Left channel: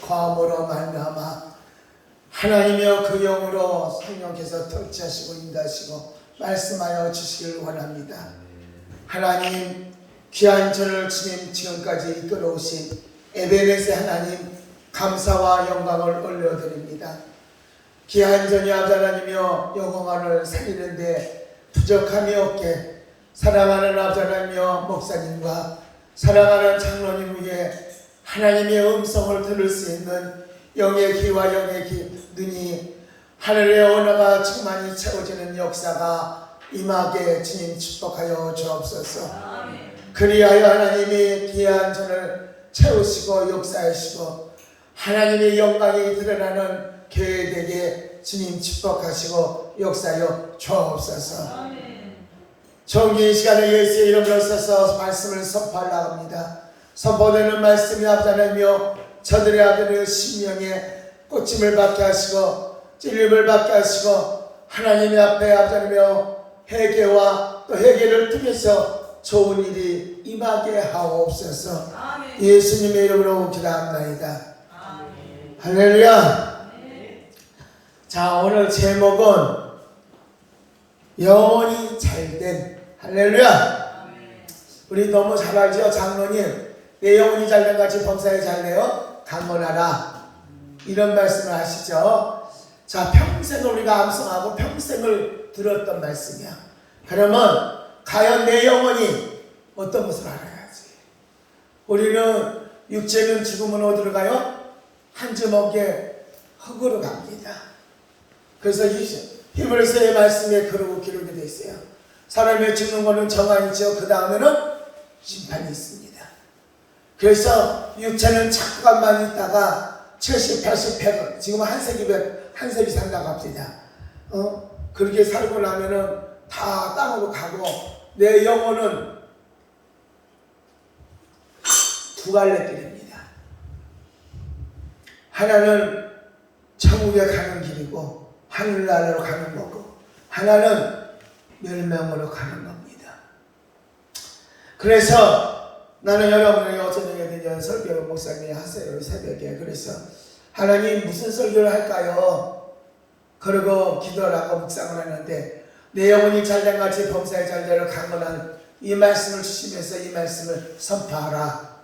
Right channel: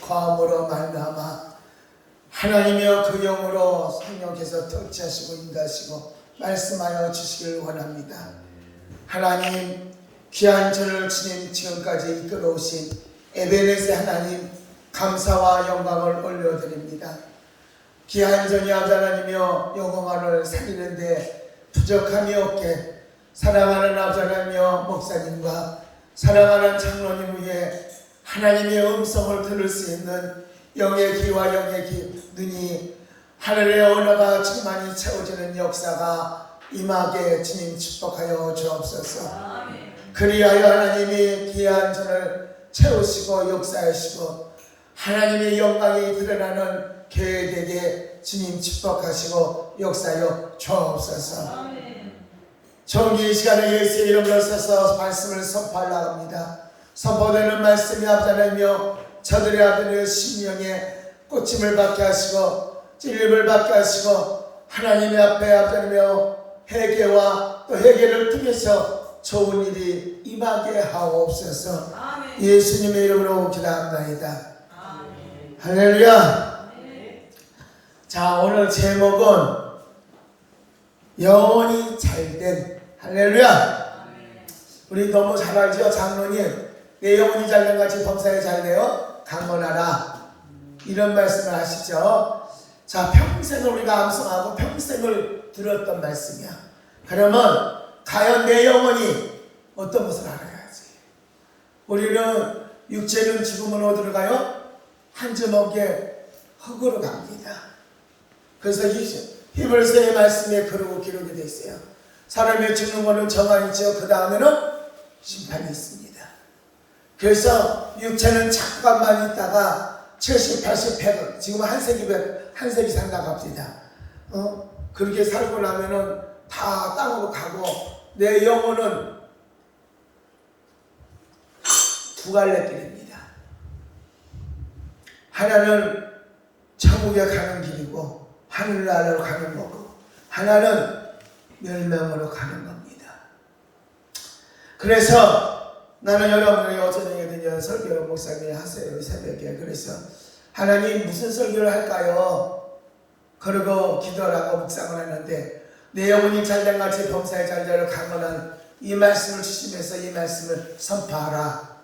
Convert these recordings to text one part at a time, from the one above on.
과음으로 말미암아 하나님이여 그 영으로 성령께서 통치하시고 인도하시고 말씀하여 주시길 원합니다. 하나님 귀한 저를 주님 지금까지 이끌어오신 에베네세 하나님 감사와 영광을 올려드립니다. 귀한 전이 아버지 하나님이여 영광을 살리는데 부족함이 없게 사랑하는 아버지 하나님이여 목사님과 사랑하는 장로님 위에 하나님의 음성을 들을 수 있는 영의 귀와 영의 눈이 하늘의 언어가 충만히 채워지는 역사가 임하게 주님 축복하여 주옵소서. 그리하여 하나님이 귀한 전을 채우시고 역사하시고 하나님의 영광이 드러나는 교회 되게 주님 축복하시고 역사하여 주옵소서. 정기 이 시간에 예수의 이름으로 써서 말씀을 선포하려 합니다. 선포되는 말씀이 아버지 하나님이여 저들의 아들의 심령에 꽂힘을 받게 하시고 찔림을 받게 하시고 하나님의 앞에 아버지 하나님이여 회개와 또 회개를 통해서 좋은 일이 임하게 하옵소서. 예수님의 이름으로 기도합니다. 할렐루야. 자, 오늘 제목은 영원히 잘된. 할렐루야. 우리 너무 잘 알죠? 장로님 내 영혼이 잘된 같이 범사에 잘되어 강건하라 이런 말씀을 하시죠. 자, 평생을 우리가 암송하고 평생을 들었던 말씀이야. 그러면 과연 내 영혼이 어떤 것을 알아야지? 우리는 육체는 죽으면 어디로 가요? 한 주먹에 흙으로 갑니다. 그래서 히브리서의 말씀에 그러고 기록이 되어 있어요. 사람이 죽는 것은 정한이 있죠. 그 다음에는 심판이 있습니다. 그래서 육체는 잠깐만 있다가 70, 80, 100은 지금 한 세기 산다고 합니다. 그렇게 살고 나면은 다 땅으로 가고 내 영혼은 두 갈래 길입니다. 하나는 천국에 가는 길이고 하늘나라로 가는 거고 하나는 멸망으로 가는 겁니다. 그래서 나는 여러분이 어쩌냐에 대한 설교를 목사님이 하세요. 새벽에. 그래서 하나님 무슨 설교를 할까요? 그러고 기도를 하고 묵상을 하는데 내 영혼이 잘된 같이 범사에 잘되어 강건한 이 말씀을 주시면서 이 말씀을 선포하라.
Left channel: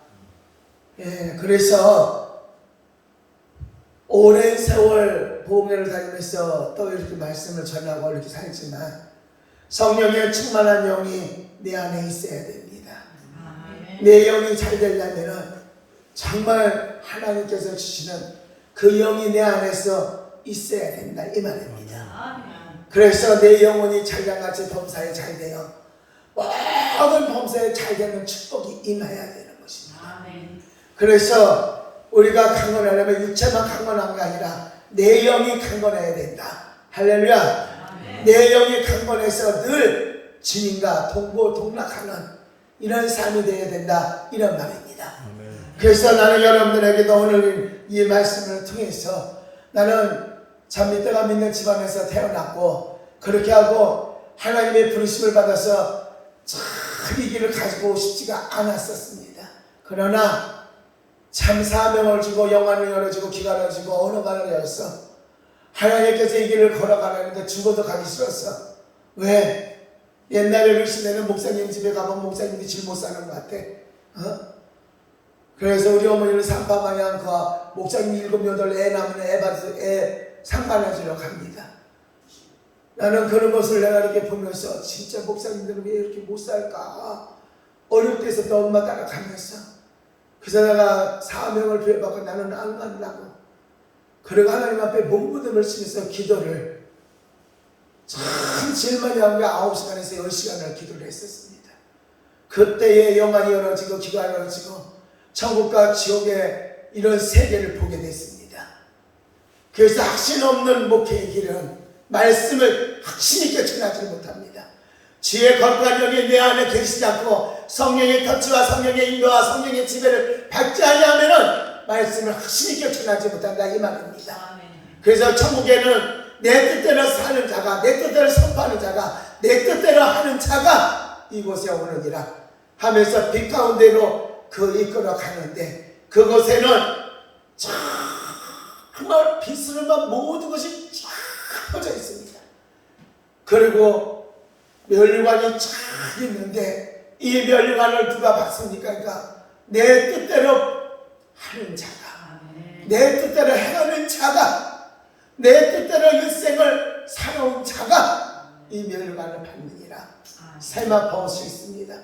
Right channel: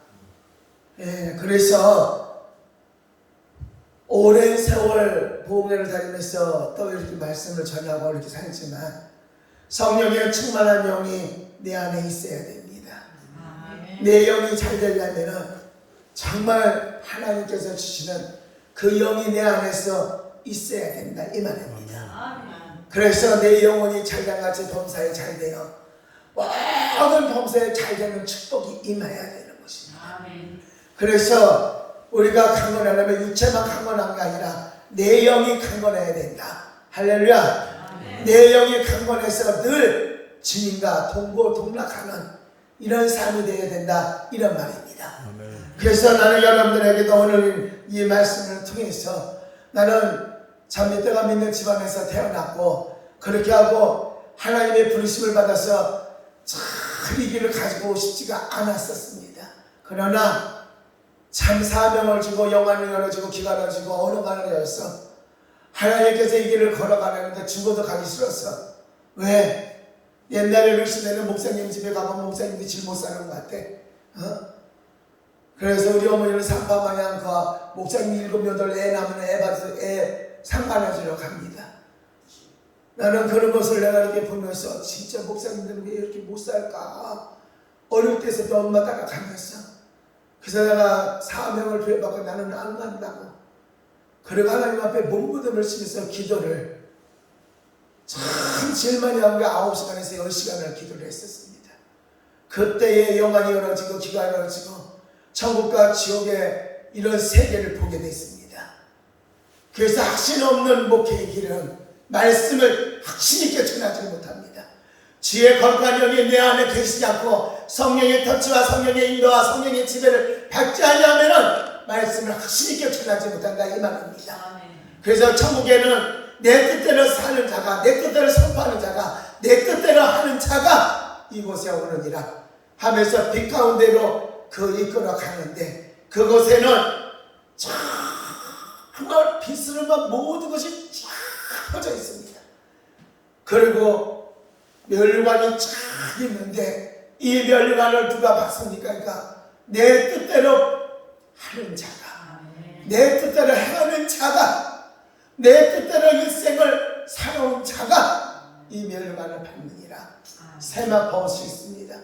예, 그래서 오랜 세월 보험회를 다니면서 또 이렇게 말씀을 전하고 이렇게 살지만 성령의 충만한 영이 내 안에 있어야 됩니다. 내 영이 잘 되려면 정말 하나님께서 주시는 그 영이 내 안에서 있어야 된다 이 말입니다. 그래서 내 영혼이 잘된같이 범사에 잘되어 모든 범사에 잘되는 축복이 임해야 되는 것입니다. 그래서 우리가 강건하려면 육체만 강건한 게 아니라 내 영이 강건해야 된다. 할렐루야. 내 영이 강건해서 늘 주님과 동고동락하는 이런 삶이 되어야 된다 이런 말입니다. 그래서 나는 여러분들에게도 오늘 이 말씀을 통해서 나는 잠밑대가 믿는 집안에서 태어났고 그렇게 하고 하나님의 부르심을 받아서 참 이 길을 가지고 싶지가 않았었습니다. 그러나 참 사명을 주고 영안을 열어주고 귀가 열어주고 언어가 열어서 하나님께서 이 길을 걸어가려는데 죽어도 가기 싫었어. 왜? 옛날에 그러시면 목사님 집에 가면 목사님이 질 못 사는 것 같아. 그래서 우리 어머니는 산파마냥 그 목사님 7, 8 애 낳으면 애 상관하시러 갑니다. 나는 그런 것을 내가 이렇게 보면서 진짜 목사님들은 왜 이렇게 못 살까? 어릴 때서도 엄마 따라가면서 그래서 내가 사명을 부여받고 나는 안 간다고. 그리고 하나님 앞에 몸부림을 치면서 기도를 참 제일 많이 한 게 9시간에서 10시간을 기도를 했었습니다. 그때의 영안이 열어지고 귀가 열어지고 천국과 지옥의 이런 세계를 보게 됐습니다. 그래서 확신 없는 목회의 길은 말씀을 확신 있게 전하지 못합니다. 주의 거룩한 영이 내 안에 계시지 않고 성령의 터치와 성령의 인도와 성령의 지배를 받지 않으면 말씀을 확신 있게 전하지 못한다 이 말입니다. 그래서 천국에는 내 뜻대로 사는 자가 내 뜻대로 선포하는 자가 내 뜻대로 하는 자가 이곳에 오느니라 하면서 빛 가운데로 그 이끌어 가는데 그곳에는 정말 비스름한 모든 것이 쫙 퍼져 있습니다. 그리고 멸관이 쫙 있는데 이 멸관을 누가 봤습니까? 그러니까 내 뜻대로 하는 자가, 내 뜻대로 행하는 자가, 내 뜻대로 일생을 살아온 자가 이 멸관을 받느니라. 세마포옷이 있습니다.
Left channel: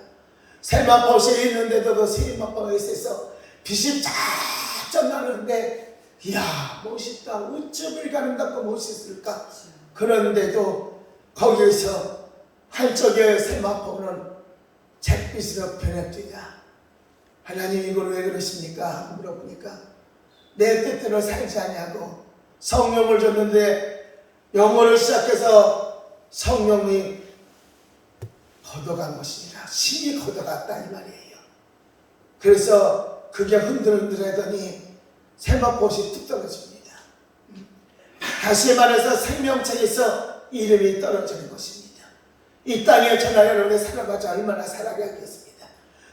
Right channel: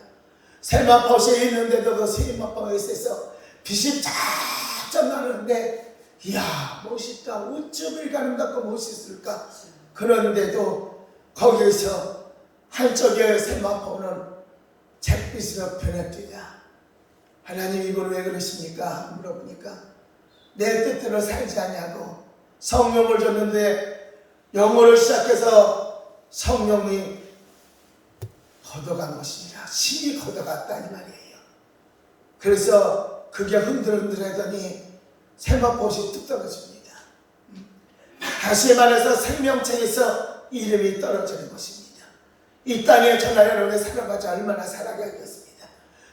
세마포옷이 있는데도 그 세마포옷에서 빛이 쫙쫙 나는데 이야 멋있다. 어쩜 이렇게 아름답고 멋있을까. 그런데도 거기에서 한쪽의 세마포는 잿빛으로 변했더라. 하나님 이걸 왜 그러십니까? 물어보니까 내 뜻대로 살지 아니하고 성령을 줬는데 영어를 시작해서 성령이 걷어간 것입니다. 신이 걷어갔다 이 말이에요. 그래서 그게 흔들흔들하더니 세마포옷이 뚝 떨어집니다. 다시 말해서 생명체에서 이름이 떨어지는 것입니다. 이 땅에 저나 여러분의 살아가지 얼마나 살아야 하겠습니다.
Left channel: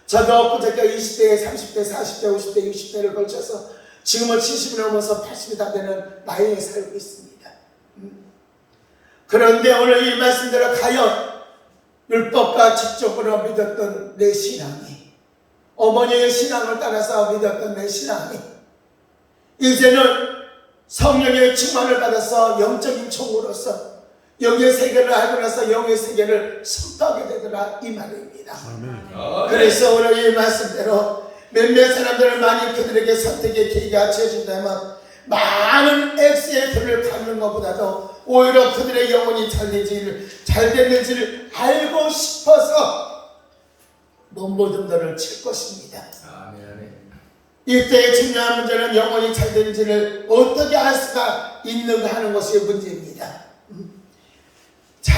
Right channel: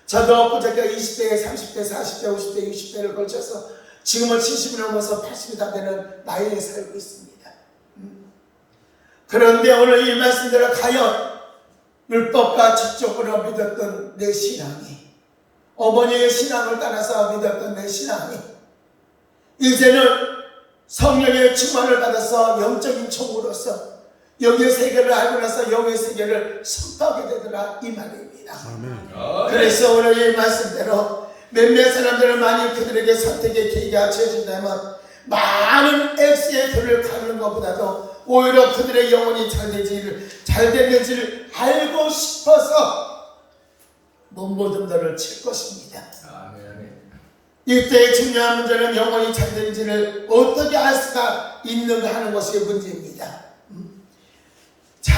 저도 그저께 20대, 30대, 40대, 50대, 60대를 걸쳐서 지금은 70이 넘어서 80이 다 되는 나이에 살고 있습니다. 그런데 오늘 이 말씀대로 과연 율법과 직접으로 믿었던 내 신앙이, 어머니의 신앙을 따라서 믿었던 내 신앙이 이제는 성령의 충만을 받아서 영적인 총으로서 영의 세계를 알고 나서 영의 세계를 선포하게 되더라 이 말입니다. 그래서 오늘 이 말씀대로 몇몇 사람들은 많이 그들에게 선택의 계기가 주어진다면 많은 X의 돈을 갚는 것보다도 오히려 그들의 영혼이 잘 됐는지를 알고 싶어서 몸부림돌을 칠 것입니다. 이때의 중요한 문제는 영혼이 잘 되는지를 어떻게 알 수가 있는가 하는 것이 문제입니다. 자,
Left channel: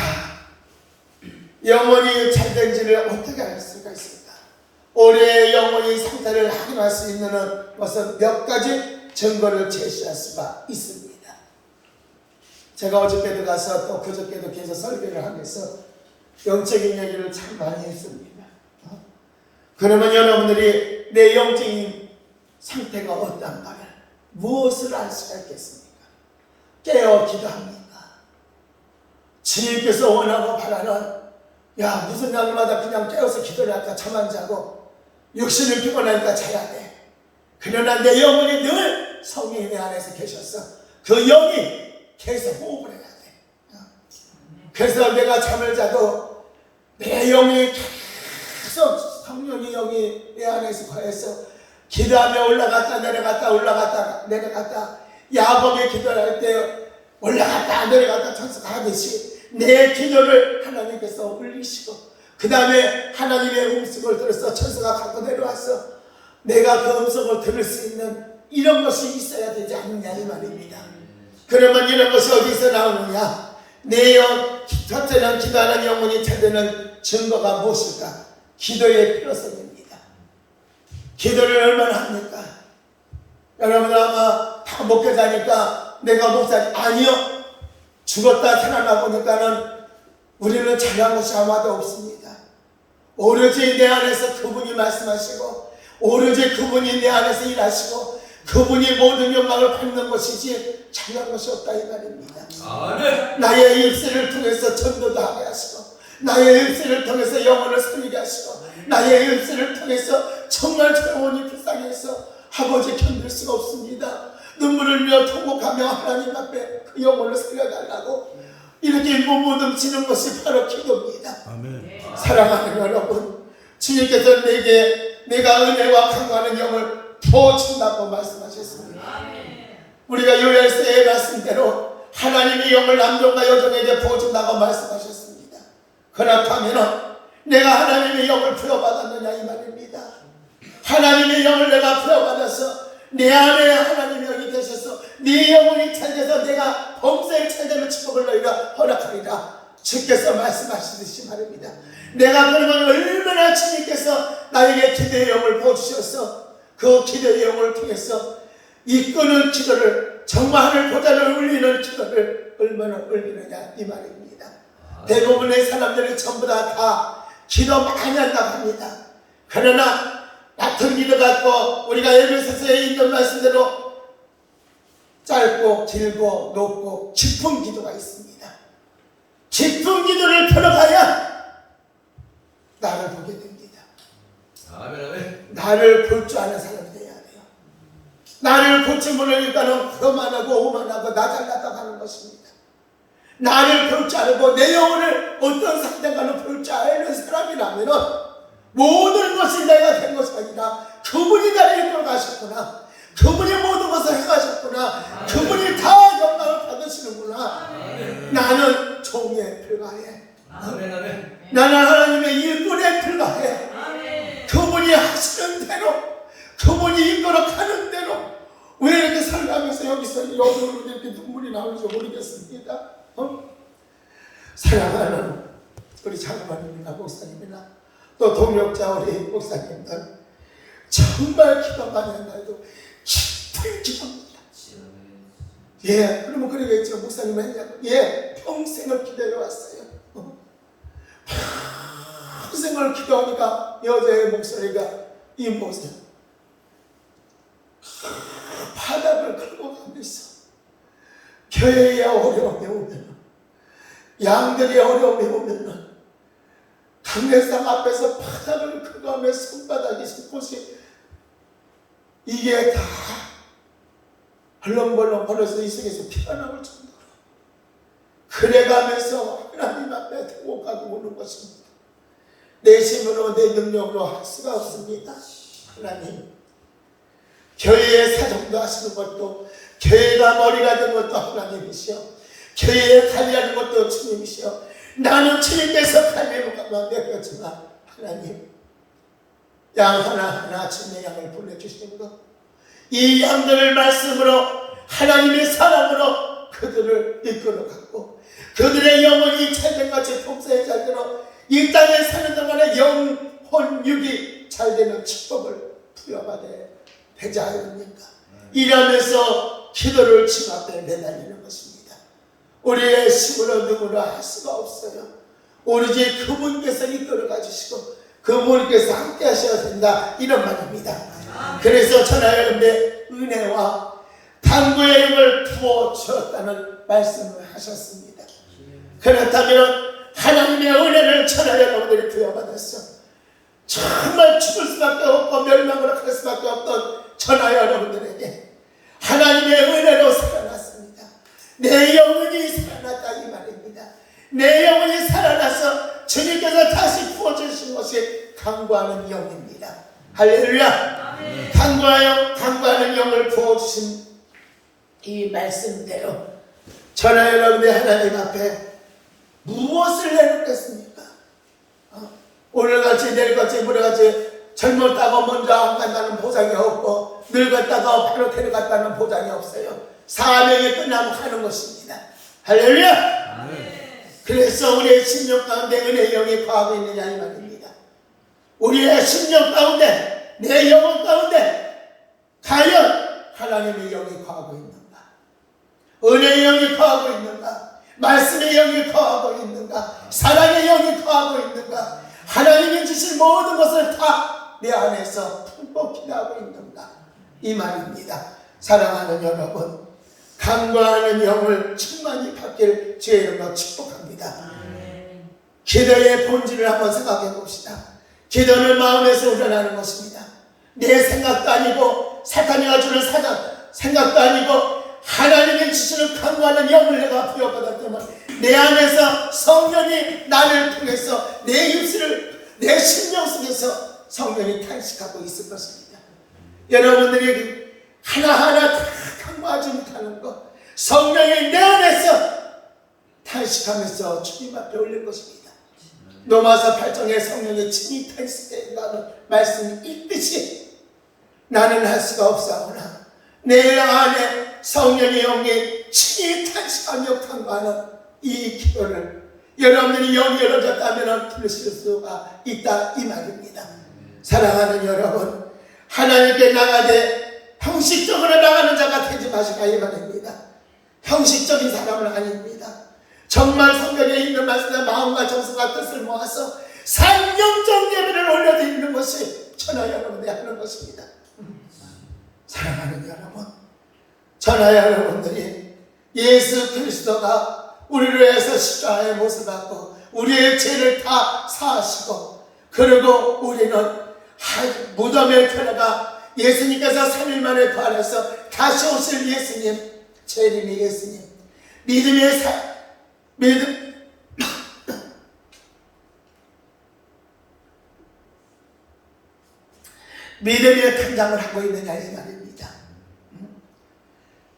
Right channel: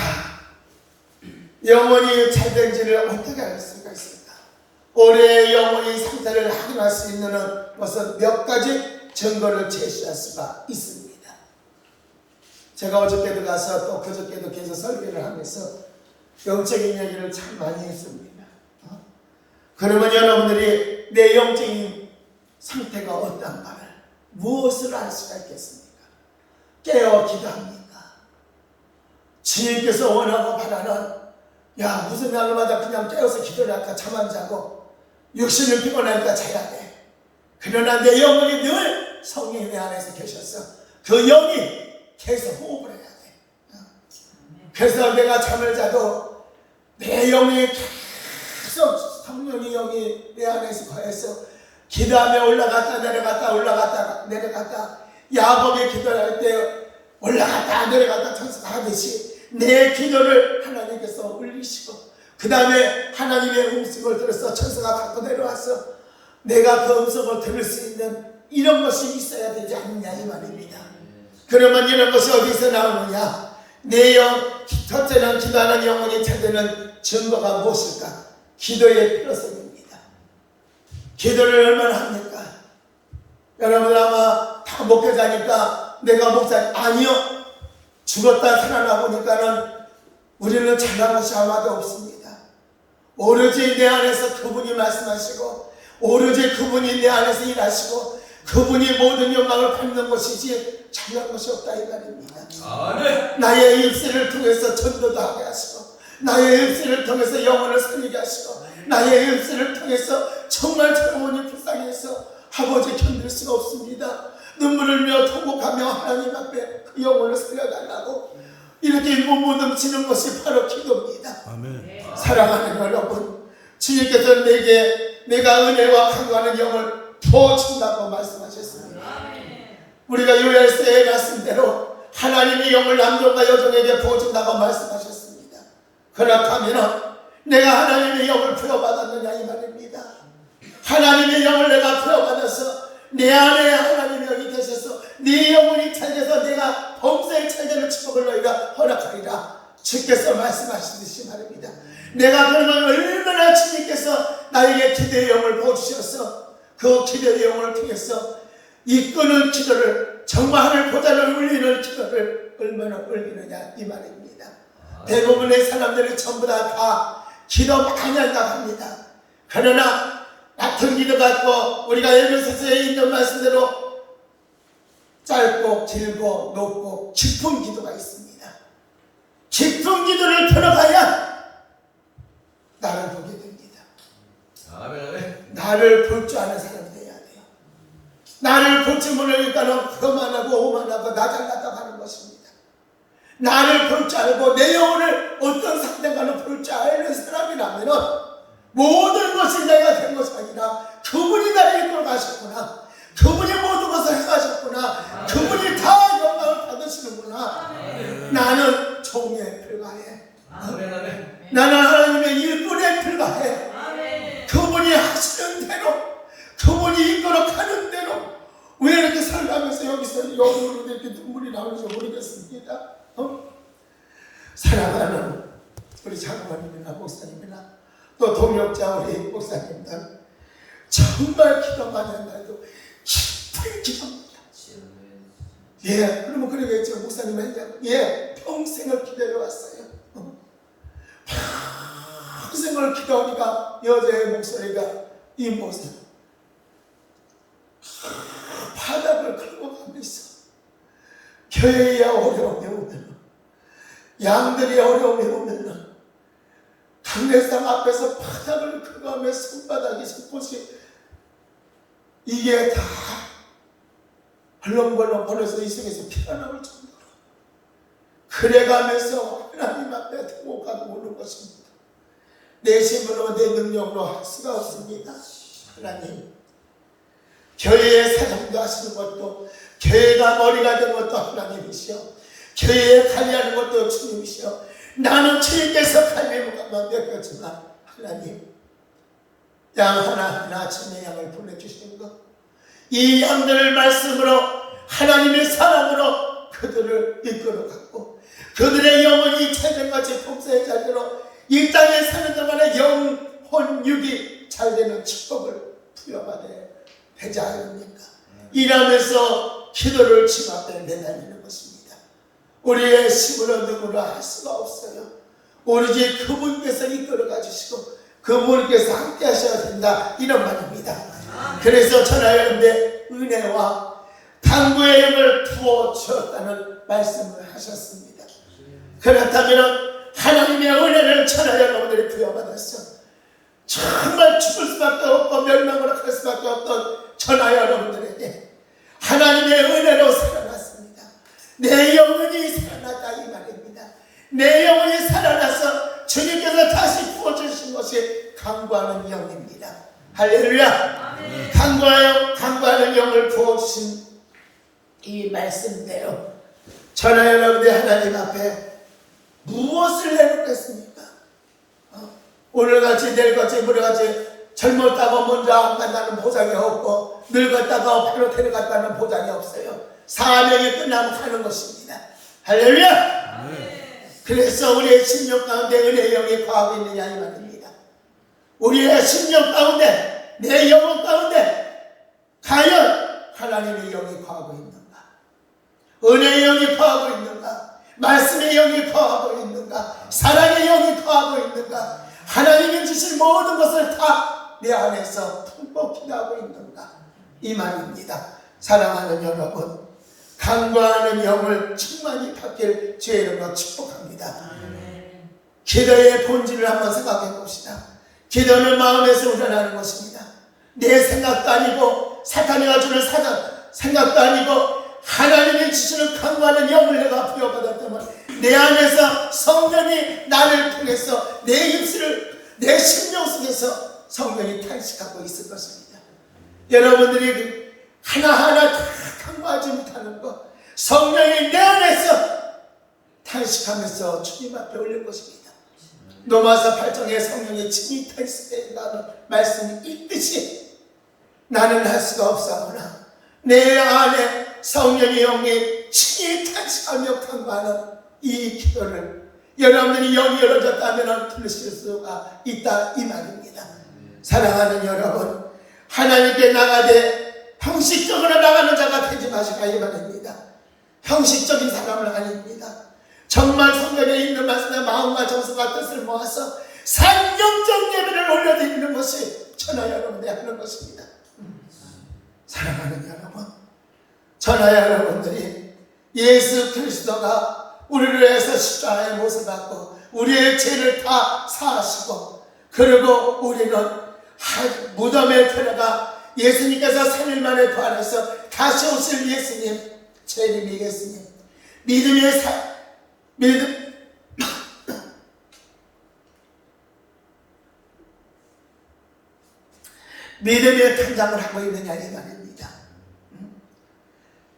영혼이 잘 되는지를 어떻게 알 수가 있습니까? 올해의 영혼의 상태를 확인할 수 있는 것은 몇 가지 증거를 제시할 수가 있습니다. 제가 어저께도 가서 또 그저께도 계속 설교를 하면서 영적인 얘기를 참 많이 했습니다. 그러면 여러분들이 내 영적인 상태가 어떤가를 무엇을 알 수가 있겠습니까? 깨어 기도합니까? 주님께서 원하고 바라는 야 무슨 날마다 그냥 깨어서 기도를 할까 잠 안 자고 육신을 피곤하니까 자야 돼. 그러나 내 영혼이 늘 성령이 내 안에서 계셔서 그 영이 계속 호흡을 해야 돼. 그래서 내가 잠을 자도 내 영이 계속 성령의 영이 내 안에서 거해서 기도하며 올라갔다 내려갔다 올라갔다 내려갔다 야곱의 기도를 할 때 올라갔다 내려갔다 청소하듯이 내 기도를 하나님께서 울리시고 그 다음에 하나님의 음성을 들어서 천사가 갖고 내려와서 내가 그 음성을 들을 수 있는 이런 것이 있어야 되지 않느냐 이 말입니다. 그러면 이런 것이 어디서 나오느냐? 내 첫째는 기도하는 영혼이 잘되는 증거가 무엇일까? 기도의 필요성입니다. 기도를 얼마나 합니까? 여러분 아마 다 목회자니까 내가 목사님 아니요. 죽었다 살아나보니까는 우리는 잘한 것이 아무도 없습니다. 오로지 내 안에서 그분이 말씀하시고 오로지 그분이 내 안에서 일하시고 그분이 모든 영광을 받는 것이지 잘난 것이 없다 이 말입니다. 나의 일생을 통해서 전도도 하게 하시고 나의 일생을 통해서 영혼을 살리게 하시고 나의 일생을 통해서 정말 저 영혼이 불쌍해서 아버지 견딜 수가 없습니다. 눈물을 흘려 통곡하며 하나님 앞에 그 영혼을 살려달라고 이렇게 몸부림치는 것이 바로 기도입니다. 아멘. 사랑하는 여러분, 주님께서 내가 은혜와 강건한 영을 부어준다고 말씀하셨습니다. 우리가 요엘서의 말씀대로 하나님의 영을 남종과 여종에게 부어준다고 말씀하셨습니다. 그렇다면 내가 하나님의 영을 부여받았느냐 이 말입니다. 하나님의 영을 내가 부여받아서 내 안에 하나님의 영이 계셔서 네 영혼이 찰돼서 내가 범사에 찰되는 축복을 너희가 허락하리라 주께서 말씀하시듯이 말입니다. 내가 그러면 얼마나 주님께서 나에게 기도의 영을 부어주셔서 그 기도의 영을 통해서 이끄는 기도를 정말 하늘 보좌를 울리는 기도를 얼마나 울리느냐 이 말입니다. 대부분의 사람들이 전부 다 기도 많이 한다고 합니다. 그러나 같은 기도 갖고 우리가 에베소서에 있는 말씀대로 짧고 길고 높고 깊은 기도가 있습니다. 깊은 기도를 들어가야 나를 보게 됩니다. 나를 볼 줄 아는 사람이 돼야 돼요. 나를 볼지 모르니까는 교만하고 오만하고 나 잘났다 하는 것입니다. 나를 볼 줄 알고 내 영혼을 어떤 상대가는 볼 줄 아는 사람이라면 모든 것이 내가 된 것이 아니라 그분이 나를 이끌어 가셨구나. 그분이 모든 것을 행하셨구나. 그분이 다 영광을 받으시는구나. 나는 종에 불과해. 나는 하나님의 일꾼에 불과해. 그분이 하시는 대로, 그분이 이끌어 가는 대로. 왜 이렇게 살아가면서 여기서 이렇게 눈물이 나오는지 모르겠습니다. 사랑하는 우리 장로님이나 목사님이나 또 동역자 우리 목사님들, 정말 기도 많이 한다고 깊은 기도입니다. 예, 그러면 그러겠죠. 목사님은 평생을 기다려왔어요. 평생을 기도하니까 여자의 목소리가 이 모습, 바닥을 긁고 가면서 교회의 어려움이 오면, 양들이 어려움이 오면 강례상 앞에서 바닥을 긁어가며 손바닥이 손꽃이 이게 다 벌렁벌렁 벌어서 이 속에서 피가 나올 정도로 그래가면서 하나님 앞에 등옥하고 오는 것입니다. 내 힘으로 내 능력으로 할 수가 없습니다. 하나님, 교회의 사정도 하시는 것도, 교회가 머리가 된 것도 하나님이시여, 교회에 관리하는 것도 주님이시여, 나는 주님께서 관리하는 것이지만 하나님, 양 하나하나 주님의 양을 보내주시는 것, 이 양들을 말씀으로 하나님의 사랑으로 그들을 이끌어갔고 그들의 영혼이 참된같이 동서의 자리로 이 땅에 사는 동안에 영혼 육이 잘되는 축복을 부여받아야 되지 않습니까? 이러면서 기도를 주 앞에 내달리는 것입니다. 우리의 힘으로 누구나 할 수가 없어요. 오로지 그분께서 이끌어가 주시고 그분께서 함께 하셔야 된다, 이런 말입니다. 그래서 저나 여러분의 은혜와 당부의 힘을 부어주었다는 말씀을 하셨습니다. 그렇다면 하나님의 은혜를 저나 여러분들이 부여받았어 정말 죽을 수밖에 없고 멸망으로 갈 수밖에 없던 저나 여러분들에게 하나님의 은혜로 살아났습니다. 내 영혼이 살아났다, 이 말입니다. 내 영혼이 살아나서 주님께서 다시 부어주신 것이 강구하는 영입니다. 할렐루야. 강구하는 영을 부어주신 이 말씀대로 저나 여러분의 하나님 앞에 무엇을 내놓겠습니까? 오늘같이 내일같이 모레같이 젊었다고 먼저 안 간다는 보장이 없고 늙었다고 바로 데려갔다는 보장이 없어요. 사명이 끝나면 가는 것입니다. 할렐루야. 그래서 우리의 심령 가운데 은혜의 영이 거하고 있느냐, 이 말입니다. 우리의 심령 가운데, 내 영혼 가운데 과연 하나님의 영이 거하고 있는가? 은혜의 영이 거하고 있는가? 말씀의 영이 거하고 있는가? 사랑의 영이 거하고 있는가? 하나님이 주신 모든 것을 다 내 안에서 품고 기도하고 있는가? 이 말입니다. 사랑하는 여러분, 강구하는 영을 충만히 받길 주의 이름으로 축복합니다. 기도의 본질을 한번 생각해 봅시다. 기도는 마음에서 우러나는 것입니다. 내 생각도 아니고 사탄이가 주는 생각도 아니고 하나님이 주시는 강구하는 영을 내가 부여받았다면 내 안에서 성령이 나를 통해서 내 입술을, 내 심령 속에서 성령이 탄식하고 있을 것입니다. 여러분들이 하나하나 다 강구하지 못하는 것, 성령이 내 안에서 탄식하면서 주님 앞에 올린 것입니다. 로마서 8장에 성령이 친히 탄식한다는 말씀이 있듯이 나는 할 수가 없사오나 내 안에 성령의 영이 친히 탄식하며 강구하는 이 기도를 여러분들이 영이 열어졌다면 들으실 수가 있다, 이 말입니다. 사랑하는 여러분, 하나님께 나가되 형식적으로 나가는 자가 되지 마시라, 이 말입니다. 형식적인 사람은 아닙니다. 정말 성경에 있는 말씀에 마음과 정성과 뜻을 모아서 산경적 예배를 올려드리는 것이 천하 여러분이 하는 것입니다. 사랑하는 여러분, 전하 여러분들이 예수 그리스도가 우리를 위해서 십자가에 못을 받고 우리의 죄를 다 사하시고, 그리고 우리는 무덤에 들어가 예수님께서 3일 만에 부활해서 다시 오실 예수님, 재림의 예수님, 믿음의 탄장을 하고 있느냐 이 말입니다.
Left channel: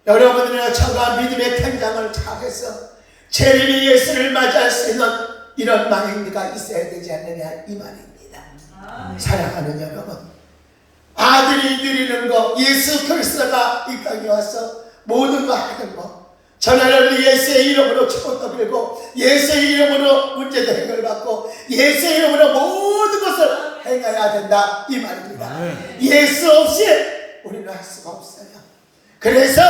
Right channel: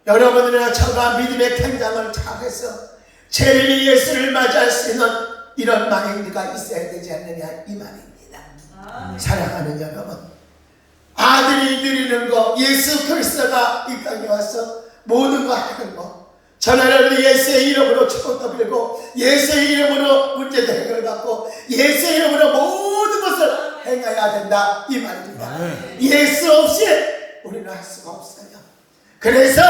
여러분들은 저가 믿음의 탄장을 잘해서 재림의 예수를 맞이할 수 있는 이런 마인드가 있어야 되지 않느냐 이 말입니다. 사랑하는 여러분, 아들이 드리는 거, 예수 그리스도가 이 땅에 와서 모든 거 하는 거, 전하는 예수의 이름으로 축복도 빌고 예수의 이름으로 문제도 해결받고 예수의 이름으로 모든 것을 행해야 된다 이 말입니다. 예수 없이 우리는 할 수가 없어요. 그래서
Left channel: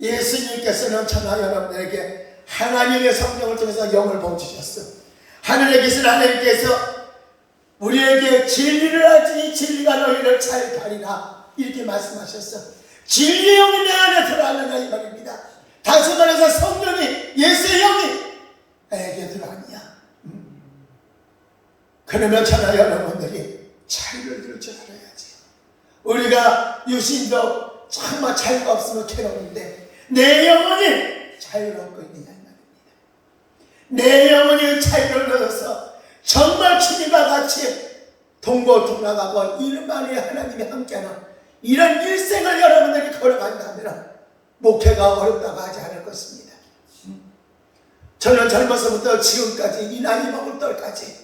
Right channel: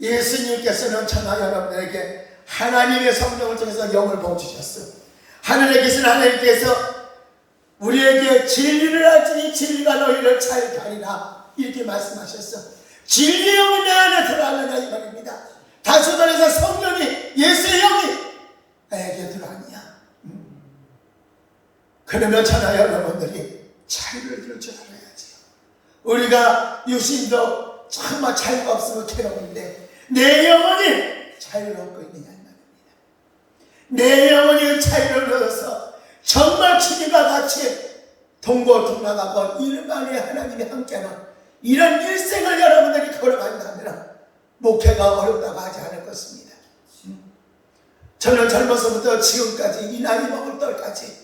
예수님께서는 전하 여러분에게 하나님의 성령을 통해서 영을 부어주셨어. 하늘에 계신 하나님께서 우리에게 진리를 알지니 진리가 너희를 잘 가리라 이렇게 말씀하셨어. 진리의 영이 내 안에 들어왔느냐 이 말입니다. 다시 말해서 성령이, 예수의 영이 나에게 들어왔냐. 그러면 전하 여러분들이 자유를 줄 줄 알아야지요. 우리가 유신도 정말 자유가 없으면 괴로운데 내 영혼이 자유를 얻고 있느냐 이 말입니다. 내 영혼이 자유를 얻어서 정말 주님과 같이 동고동락하고 이른말이 하나님이 함께하는 이런 일생을 여러분들이 걸어간다면 목회가 어렵다고 하지 않을 것입니다. 저는 젊어서부터 지금까지 이 나이 먹을 때까지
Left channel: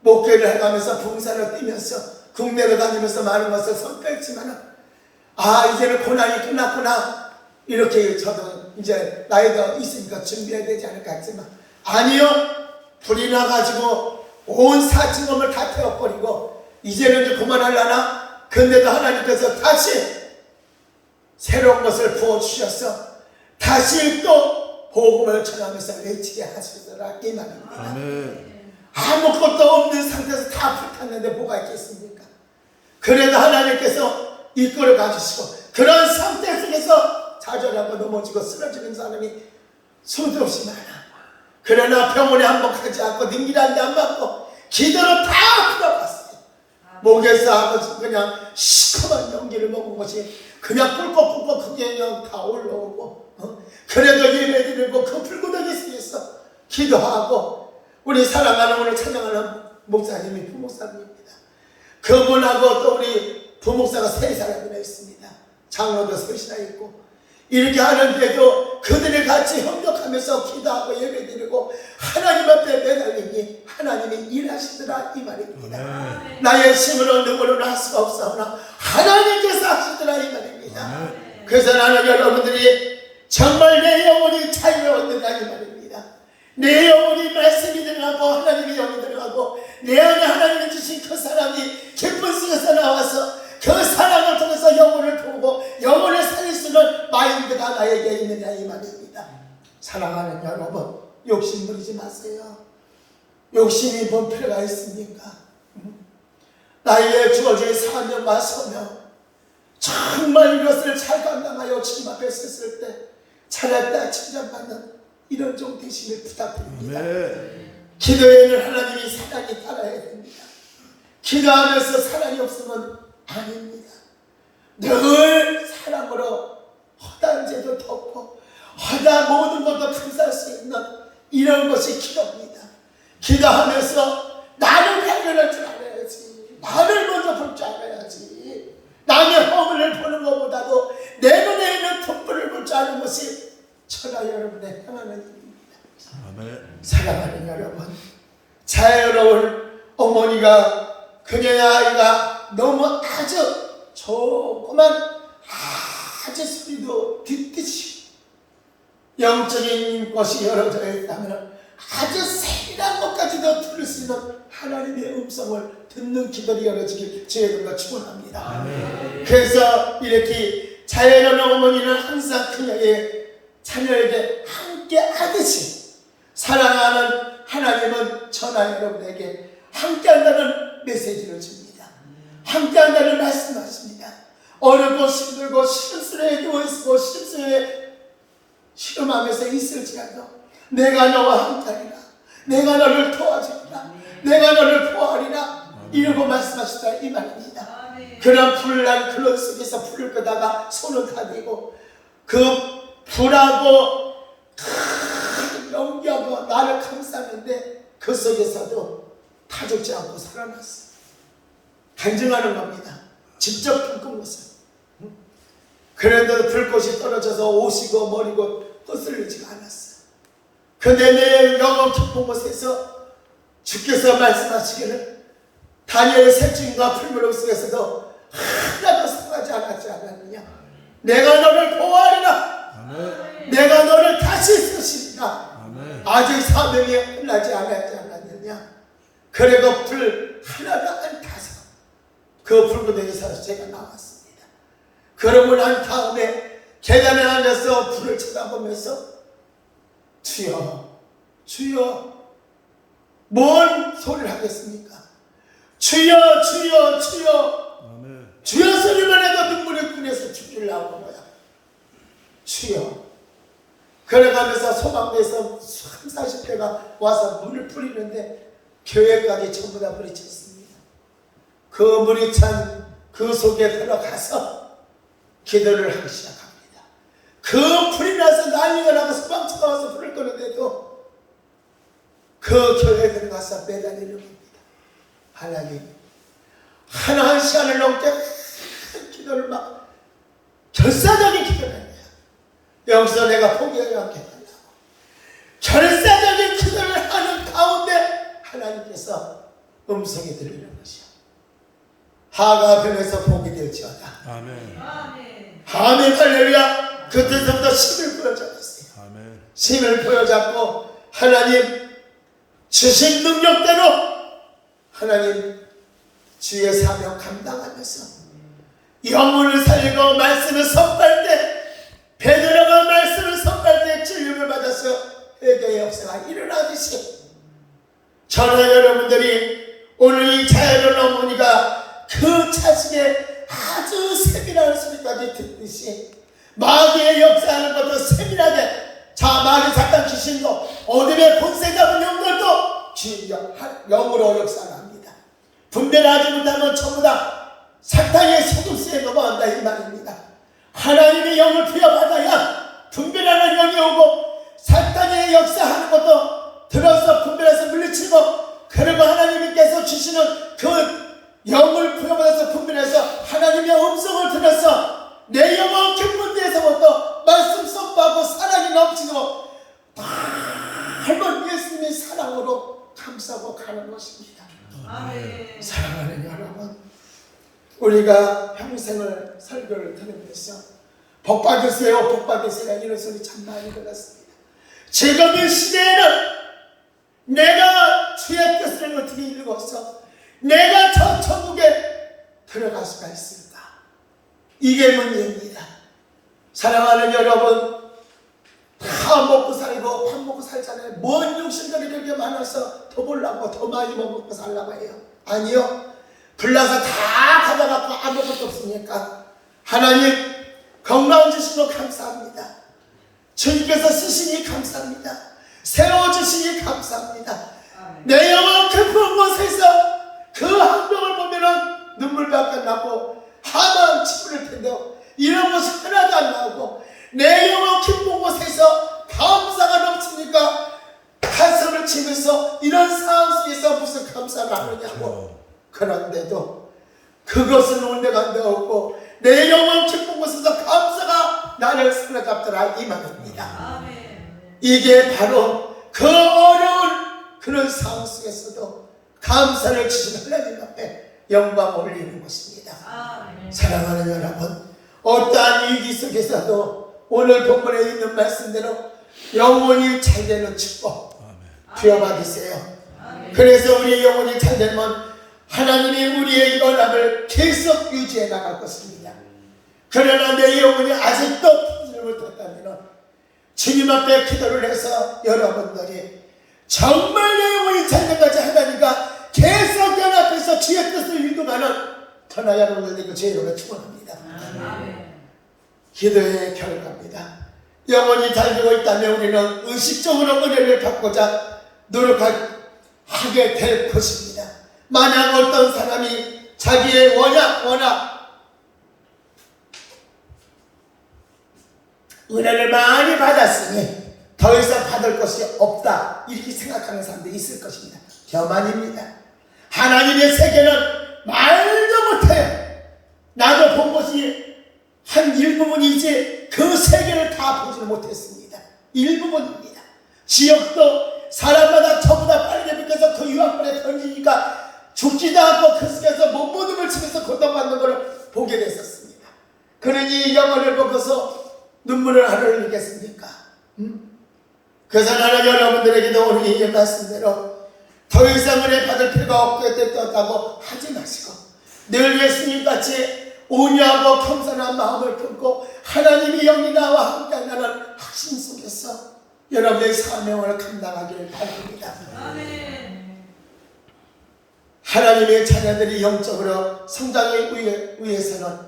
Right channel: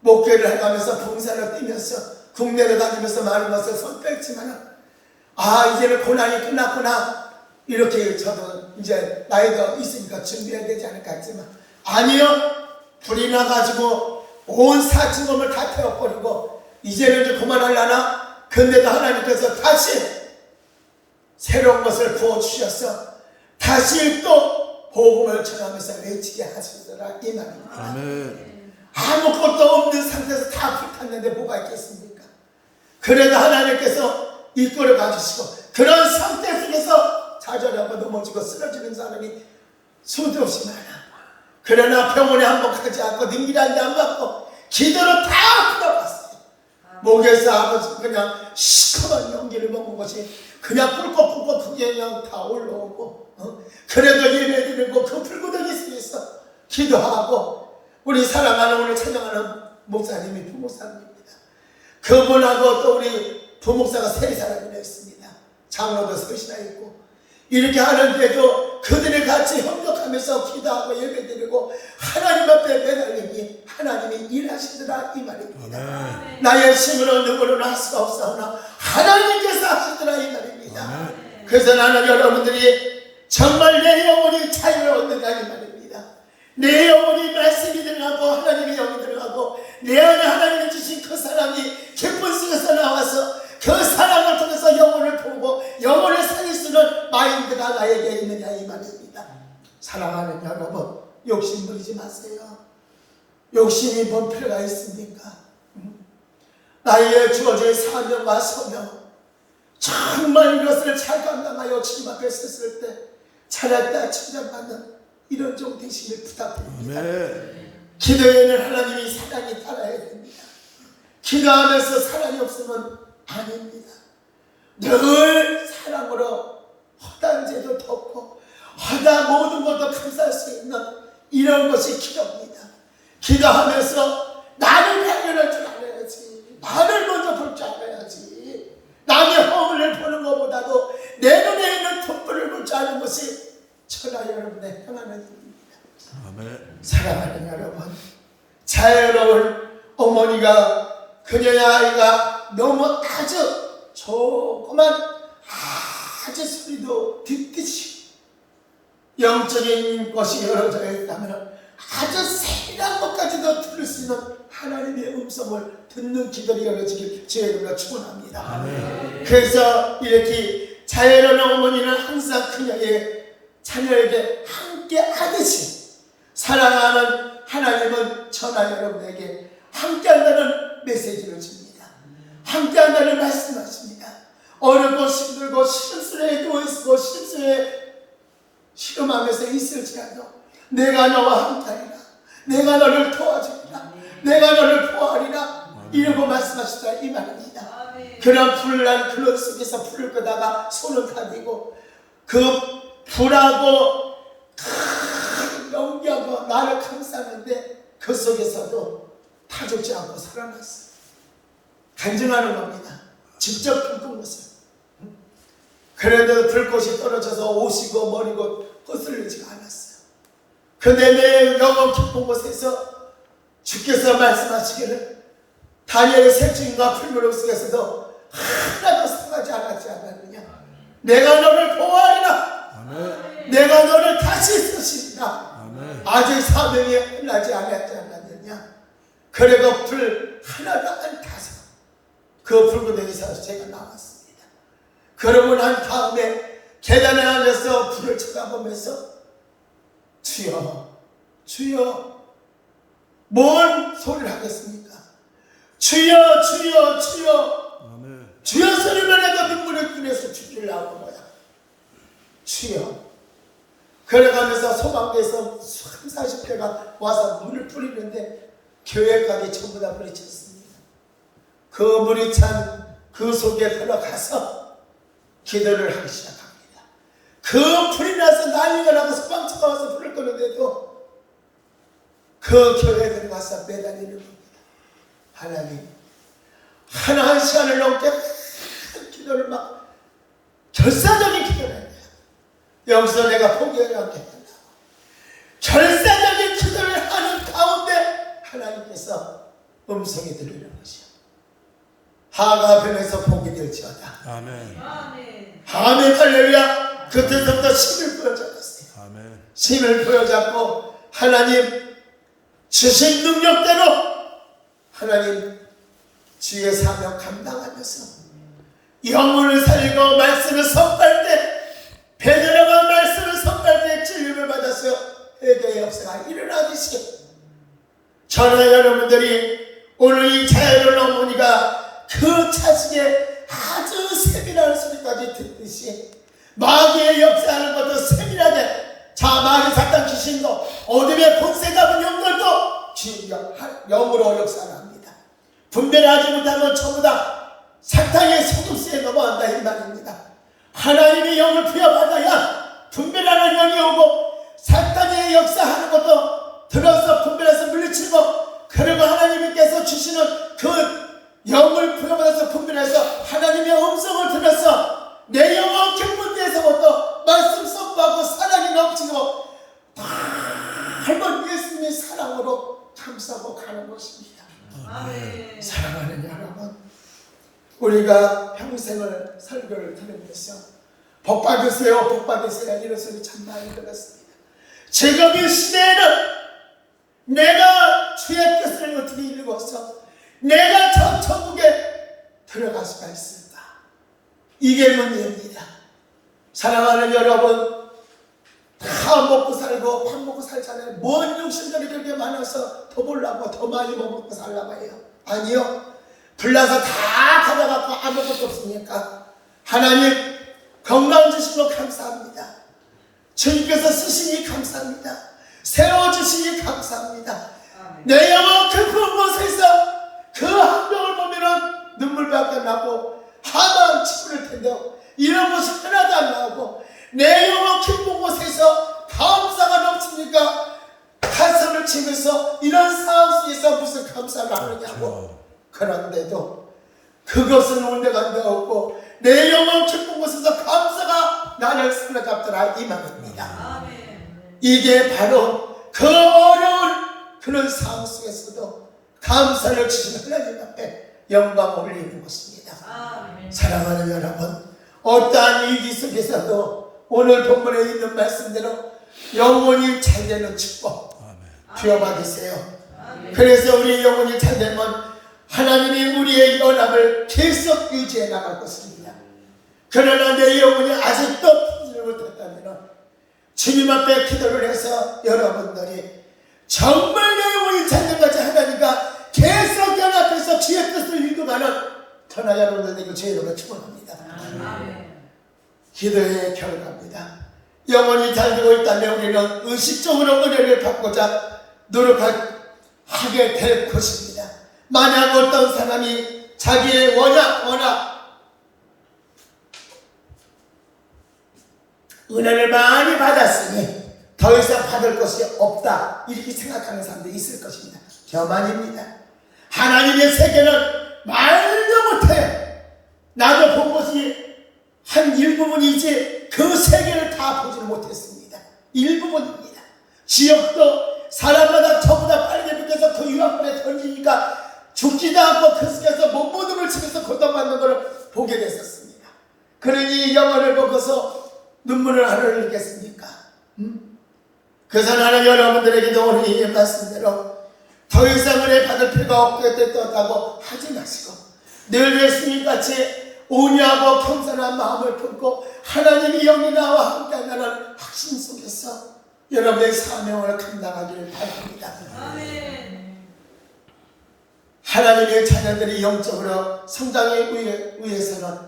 목회를 해가면서 봉사를 뛰면서 국내를 다니면서 많은 것을 선택했지만 이제는 고난이 끝났구나 이렇게 저도 이제 나이가 있으니까 준비해야 되지 않을까 했지만 아니요, 불이 나가지고 온 사층검을 다 태워버리고 이제는 이제 그만하려나. 근데도 하나님께서 다시 새로운 것을 부어주셔서 다시 또 복음을 전하면서 외치게 하시더라 이 말입니다. 아무것도 없는 상태에서 다 불탔는데 뭐가 있겠습니까? 그래도 하나님께서 이끌어 가주시고 그런 상태 속에서 좌절하고 넘어지고 쓰러지는 사람이 수도 없이 많아. 그러나 병원에 한번 가지 않고 능기란데 안 맞고 기도로 다 풀어봤어요. 목에서 그냥 시커먼 연기를 먹은 것이 그냥 꿀꺽꿀꺽 그게 그냥 다 올라오고 그래도 예배드리고 그 불구덩이 속에서 기도하고 우리 사랑하는 오늘 찬양하는 목사님이 부목사님입니다. 그분하고 또 우리 부목사가 3사람이나 있습니다. 장로도 3이나 있고 이렇게 하는데도 그들이 같이 협력하면서 기도하고 예배드리고 하나님 앞에 매달리니 하나님이 일하시더라 이 말입니다. 나의 힘으로 누구를 할 수가 없사오나 하나님께서 하시더라 이 말입니다. 그래서 나는 여러분들이 정말 내 영혼이 자유를 얻는다 이 말입니다. 내 영혼이 말씀이 들어가고 하나님의 영이 들어가고 내 안에 하나님이 주신 그 사람이 기쁜 속에서 나와서 그 사랑을 통해서 영혼을 보고 영혼을 살릴 수 있는 마인드가 나에게 있느냐 이 말입니다. 사랑하는 여러분, 욕심 부리지 마세요. 욕심이 뭔 필요가 있습니까? 나에게 주어진 사명과 소명, 정말 이것을 잘 감당하여 주님 앞에 섰을 때 잘했다 칭찬받는 이런 종 되시길 부탁드립니다. 기도에는 하나님이 사랑이 따라야 됩니다. 기도하면서 사랑이 없으면 아닙니다. 늘 사랑으로 허다한 죄도 덮고 허다 모든 것도 감사할 수 있는 이런 것이 기도입니다. 기도하면서 나를 발견할 줄 알아야지. 나를 먼저 볼 줄 알아야지. 남의 허물을 보는 것보다도 내 눈에 있는 촛불을 볼 줄 아는 것이 천하 여러분의 향하는 일입니다. 사랑하는 여러분, 자유로운 어머니가 그녀의 아이가 너무 아주 조그만 아주 소리도 듣듯이 영적인 것이 열어져 있다면 아주 세밀한 것까지도 들을 수 있는 하나님의 음성을 듣는 기도를 열어지길 주님과 축원합니다. 그래서 이렇게 자연한 어머니는 항상 그녀의 자녀에게 함께 하듯이 사랑하는 하나님은 전하 여러분에게 함께 한다는 메시지를 줍니다. 함께 한다는 말씀하십니다. 어렵고 힘들고 시름스레 누워있고 시름스레 시름하면서 있을지라도 내가 너와 함께하리라. 내가 너를 도와주리라. 내가 너를 보호하리라. 이러고 말씀하시다 이 말입니다. 그런 불난 그런 속에서 불을 끄다가 손을 가리고 그 불하고 연기하고 나를 감싸는데 그 속에서도 타죽지 않고 살아났어. 간증하는 겁니다. 직접 불끈 것을. 그런데도 불꽃이 떨어져서 옷이고 머리고 헛슬리지가 않았어. 근데 내 영혼 깊은 곳에서 주께서 말씀하시기를 다니엘의 색중과 풀무릎 속에서도 하나도 상하지 않았지 않았느냐. 내가 너를 보호하리라. 아멘. 내가 너를 다시 쓰시리라. 아멘. 아직 사명이 끝나지 않았지 않았느냐. 그리고 불 하나도 안 타서 그 불구덩이에서 제가 나왔습니다. 그러고 난 다음에 계단에 앉아서 불을 쳐다보면서 주여 주여 뭔 소리를 하겠습니까? 주여 주여 주여 아멘. 주여 소리만 해도 눈물이 끓여서 죽을 나오는 거야. 주여. 그래가면서 소방대에서 30-40대가 와서 물을 뿌리는데 교회까지 전부 다 물이 찼습니다. 그 물이 찬 그 속에 들어가서 기도를 하기 시작합니다. 그 불이 나서 난리가 나고 소방차가 와서 불을 끄는데도 그 교회에 들어가서 매달리는 겁니다. 하나님, 한 시간을 넘게 큰 기도를 막 결사적인 기도를 해요. 여기서 내가 포기하지 않겠다고 결사적인 기도를 하는 가운데 하나님께서 음성이 들리는 것이요. 하가 변해서 복이 될지어다. 아멘. 아멘. 할렐루야. 그때부터 힘을 보여줬어요. 아멘. 힘을 보여잡고 하나님 주신 능력대로 하나님 주의 사명 감당하면서 영혼을 살리고 말씀을 선포할 때 베드로가 말씀을 선포할 때 진리를 받아서 회개의 역사가 일어나듯이 저는 여러분들이 오늘 이 자연을 어머니가 그 차중에 아주 세밀한 소리까지 듣듯이 마귀의 역사하는 것도 세밀하게 자 마귀 사탄 귀신도 어둠의 본세 잡은 영들도 영으로 역사합니다. 분별하지 못하면 전부 다 사탄의 속임수에 넘어간다 이 말입니다. 하나님의 영을 부여받아야 분별하는 영이 오고 사탄의 역사하는 것도 들어서 분별해서 물리치고 그리고 하나님께서 주시는 그 영을 부여받아서 분별해서 하나님의 음성을 들어서 내 영혼 깊은 데서부터 말씀 선포하고 사랑이 넘치고 닮은 예수님의 사랑으로 감싸고 가는 것입니다. 아멘. 사랑하는 여러분, 우리가 평생을 설교를 들으면서 복 받으세요, 복 받으세요 이런 소리 참 많이 들었습니다. 지금 이 시대에는 내가 주의 뜻을 어떻게 읽어서 내가 저 천국에 들어갈 수가 있을까? 이게 문제입니다. 사랑하는 여러분, 다 먹고 살고 밥 먹고 살잖아요. 뭔 욕심들이 그렇게 많아서 더 벌라고 더 많이 먹고 살라고 해요? 아니요. 불나서 다 가져갖고 아무것도 없으니까 하나님 건강 주신 거 감사합니다. 주님께서 쓰시니 감사합니다. 세워주시니 감사합니다. 내 영혼 깊은 곳에서 그 한동을 보면은 눈물밖에 안 나고 하만 치부를 텐데 이런 것이 하나도 안 나오고 내 영혼 깊은 곳에서 감사가 넘치니까 가슴을 치면서 이런 상황 속에서 무슨 감사가 하느냐고. 그런데도 그것은 온데간데 없고 내 영혼 깊은 곳에서 감사가 나를 사로잡더라 이 말입니다. 이게 바로 그 어려운 그런 상황 속에서도 감사를 주신 하나님 앞에 영광 올리는 것입니다. 사랑하는 여러분, 어떠한 위기 속에서도 오늘 본문에 있는 말씀대로 영혼이 잘 되는 축복 부여받으세요. 그래서 우리 영혼이 잘 되면 하나님이 우리의 연합을 계속 유지해 나갈 것입니다. 그러나 내 영혼이 아직도 풀지를 못했다면 주님 앞에 기도를 해서 여러분들이 정말 내 영혼이 잘 된다지 하나님과 계속 연합해서 주의 뜻을 이루가는 전하 여러분들에게 제 이름으로 축원합니다. 기도의 결과입니다. 영혼이 잘 되고 있다면 우리는 의식적으로 은혜를 받고자 노력하게 될 것입니다. 만약 어떤 사람이 자기의 워낙 은혜를 많이 받았으니 더 이상 받을 것이 없다 이렇게 생각하는 사람들이 있을 것입니다. 교만입니다. 하나님의 세계는 말도 못해요. 나도 본 것이 한 일부분이지 그 세계를 다 보지를 못했습니다. 일부분입니다. 지역도 사람마다 저보다 빠르게 느껴서 그 유학벌에 던지니까 죽지도 않고 그 속에서 몸부림을 치면서 고통받는 것을 보게 됐었습니다. 그러니 영혼을 보고서 눈물을 안 흘리겠습니까? 그래서 나는 여러분들에게도 오늘 이 말씀대로 더 이상 은혜 받을 필요가 없게 됐다고 하지 마시고 늘 예수님같이 온유하고 겸손한 마음을 품고 하나님이 영이 나와 함께하는 확신 속에서 여러분의 사명을 감당하기를 바랍니다. 하나님의 자녀들이 영적으로 성장하기 위해서는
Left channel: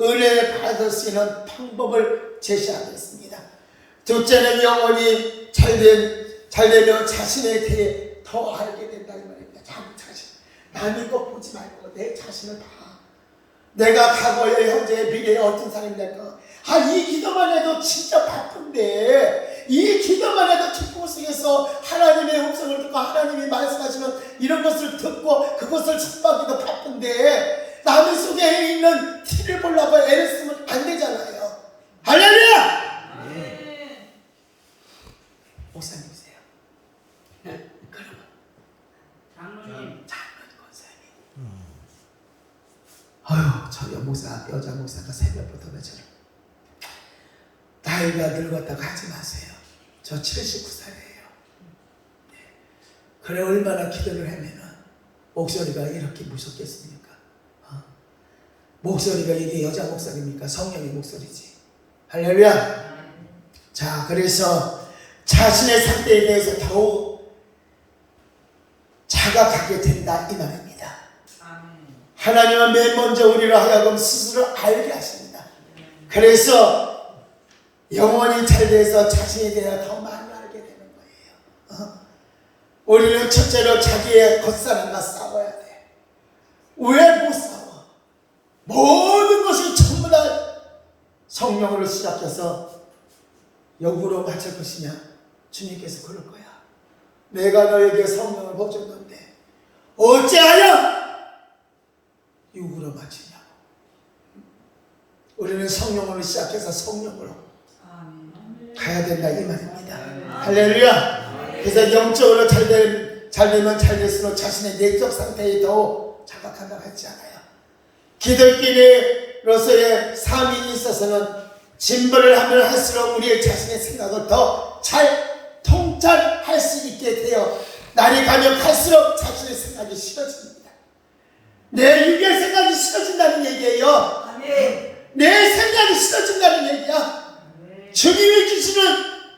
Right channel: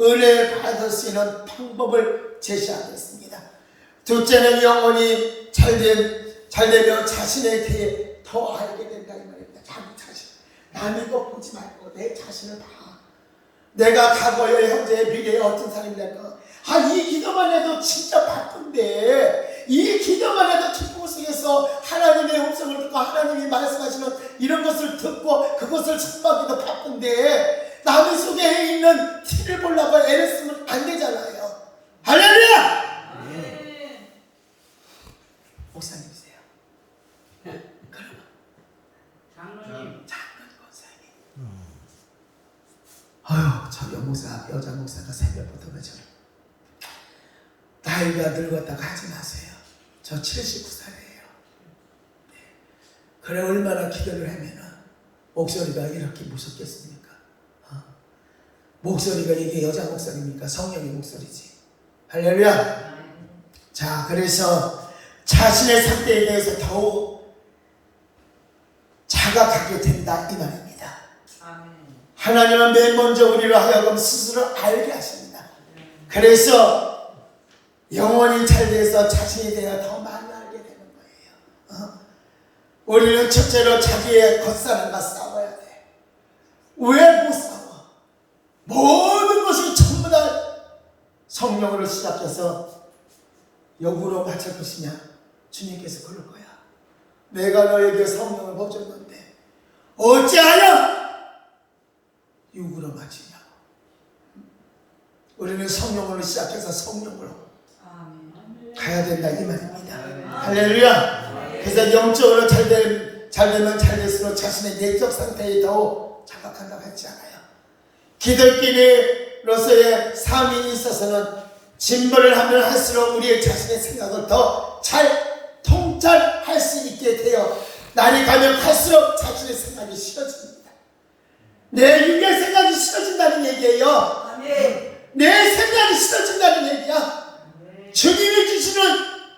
은혜를 받을 수 있는 방법을 제시하겠습니다. 둘째는 영혼이 잘되며 자신에 대해 더 알게 된다 이 말입니다. 자기 자신. 남의 것 보지 말고 내 자신을 봐. 내가 과거에 현재 미래에 어떤 사람이 될까. 이 기도만 해도 진짜 바쁜데 이 기도만 해도 기쁨 속에서 하나님의 음성을 듣고 하나님이 말씀하시는 이런 것을 듣고 그것을 접하기도 바쁜데 남의 속에 있는 티를 보려고 애를 쓰면 안 되잖아요. 할렐루야! 목사님이세요. 그러면 장로님 권사님. 저 여자 목사가 새벽부터 저를 나이가 늙었다고 하지 마세요. 저 79살이에요. 그래 얼마나 기도를 하면은 목소리가 이렇게 무섭겠습니까? 목소리가 이게 여자 목소리입니까? 성령의 목소리지. 할렐루야. 자, 그래서 자신의 상태에 대해서 더욱 자각하게 된다 이 말입니다. 하나님은 맨 먼저 우리를 하여금 스스로 알게 하십니다. 그래서 영혼이 잘 돼서 자신에 대해 더 많이 알게 되는 거예요. 우리는 첫째로 자기의 겉사람과 싸워야 돼. 왜 못 싸워? 모든 것이 전부 다 성령으로 시작해서 역으로 맞출 것이냐? 주님께서 그럴 거야. 내가 너에게 성령을 보여줬는데 어찌하여 육으로 맞추냐고. 우리는 성령으로 시작해서 성령으로 가야 된다 이 말입니다. 할렐루야. 그래서 영적으로 잘되면 잘 될수록 자신의 내적 상태에 더 자각한다고 했지 않아요. 기독교인으로서의 삶이 있어서는 진보를 하면 할수록 우리의 자신의 생각을 더 잘 통찰할 수 있게 되어 날이 가면 갈수록 자신의 생각이 싫어집니다. 내 육의 생각이 싫어진다는 얘기예요. 내 생각이 싫어진다는 얘기야. 주님이 주시는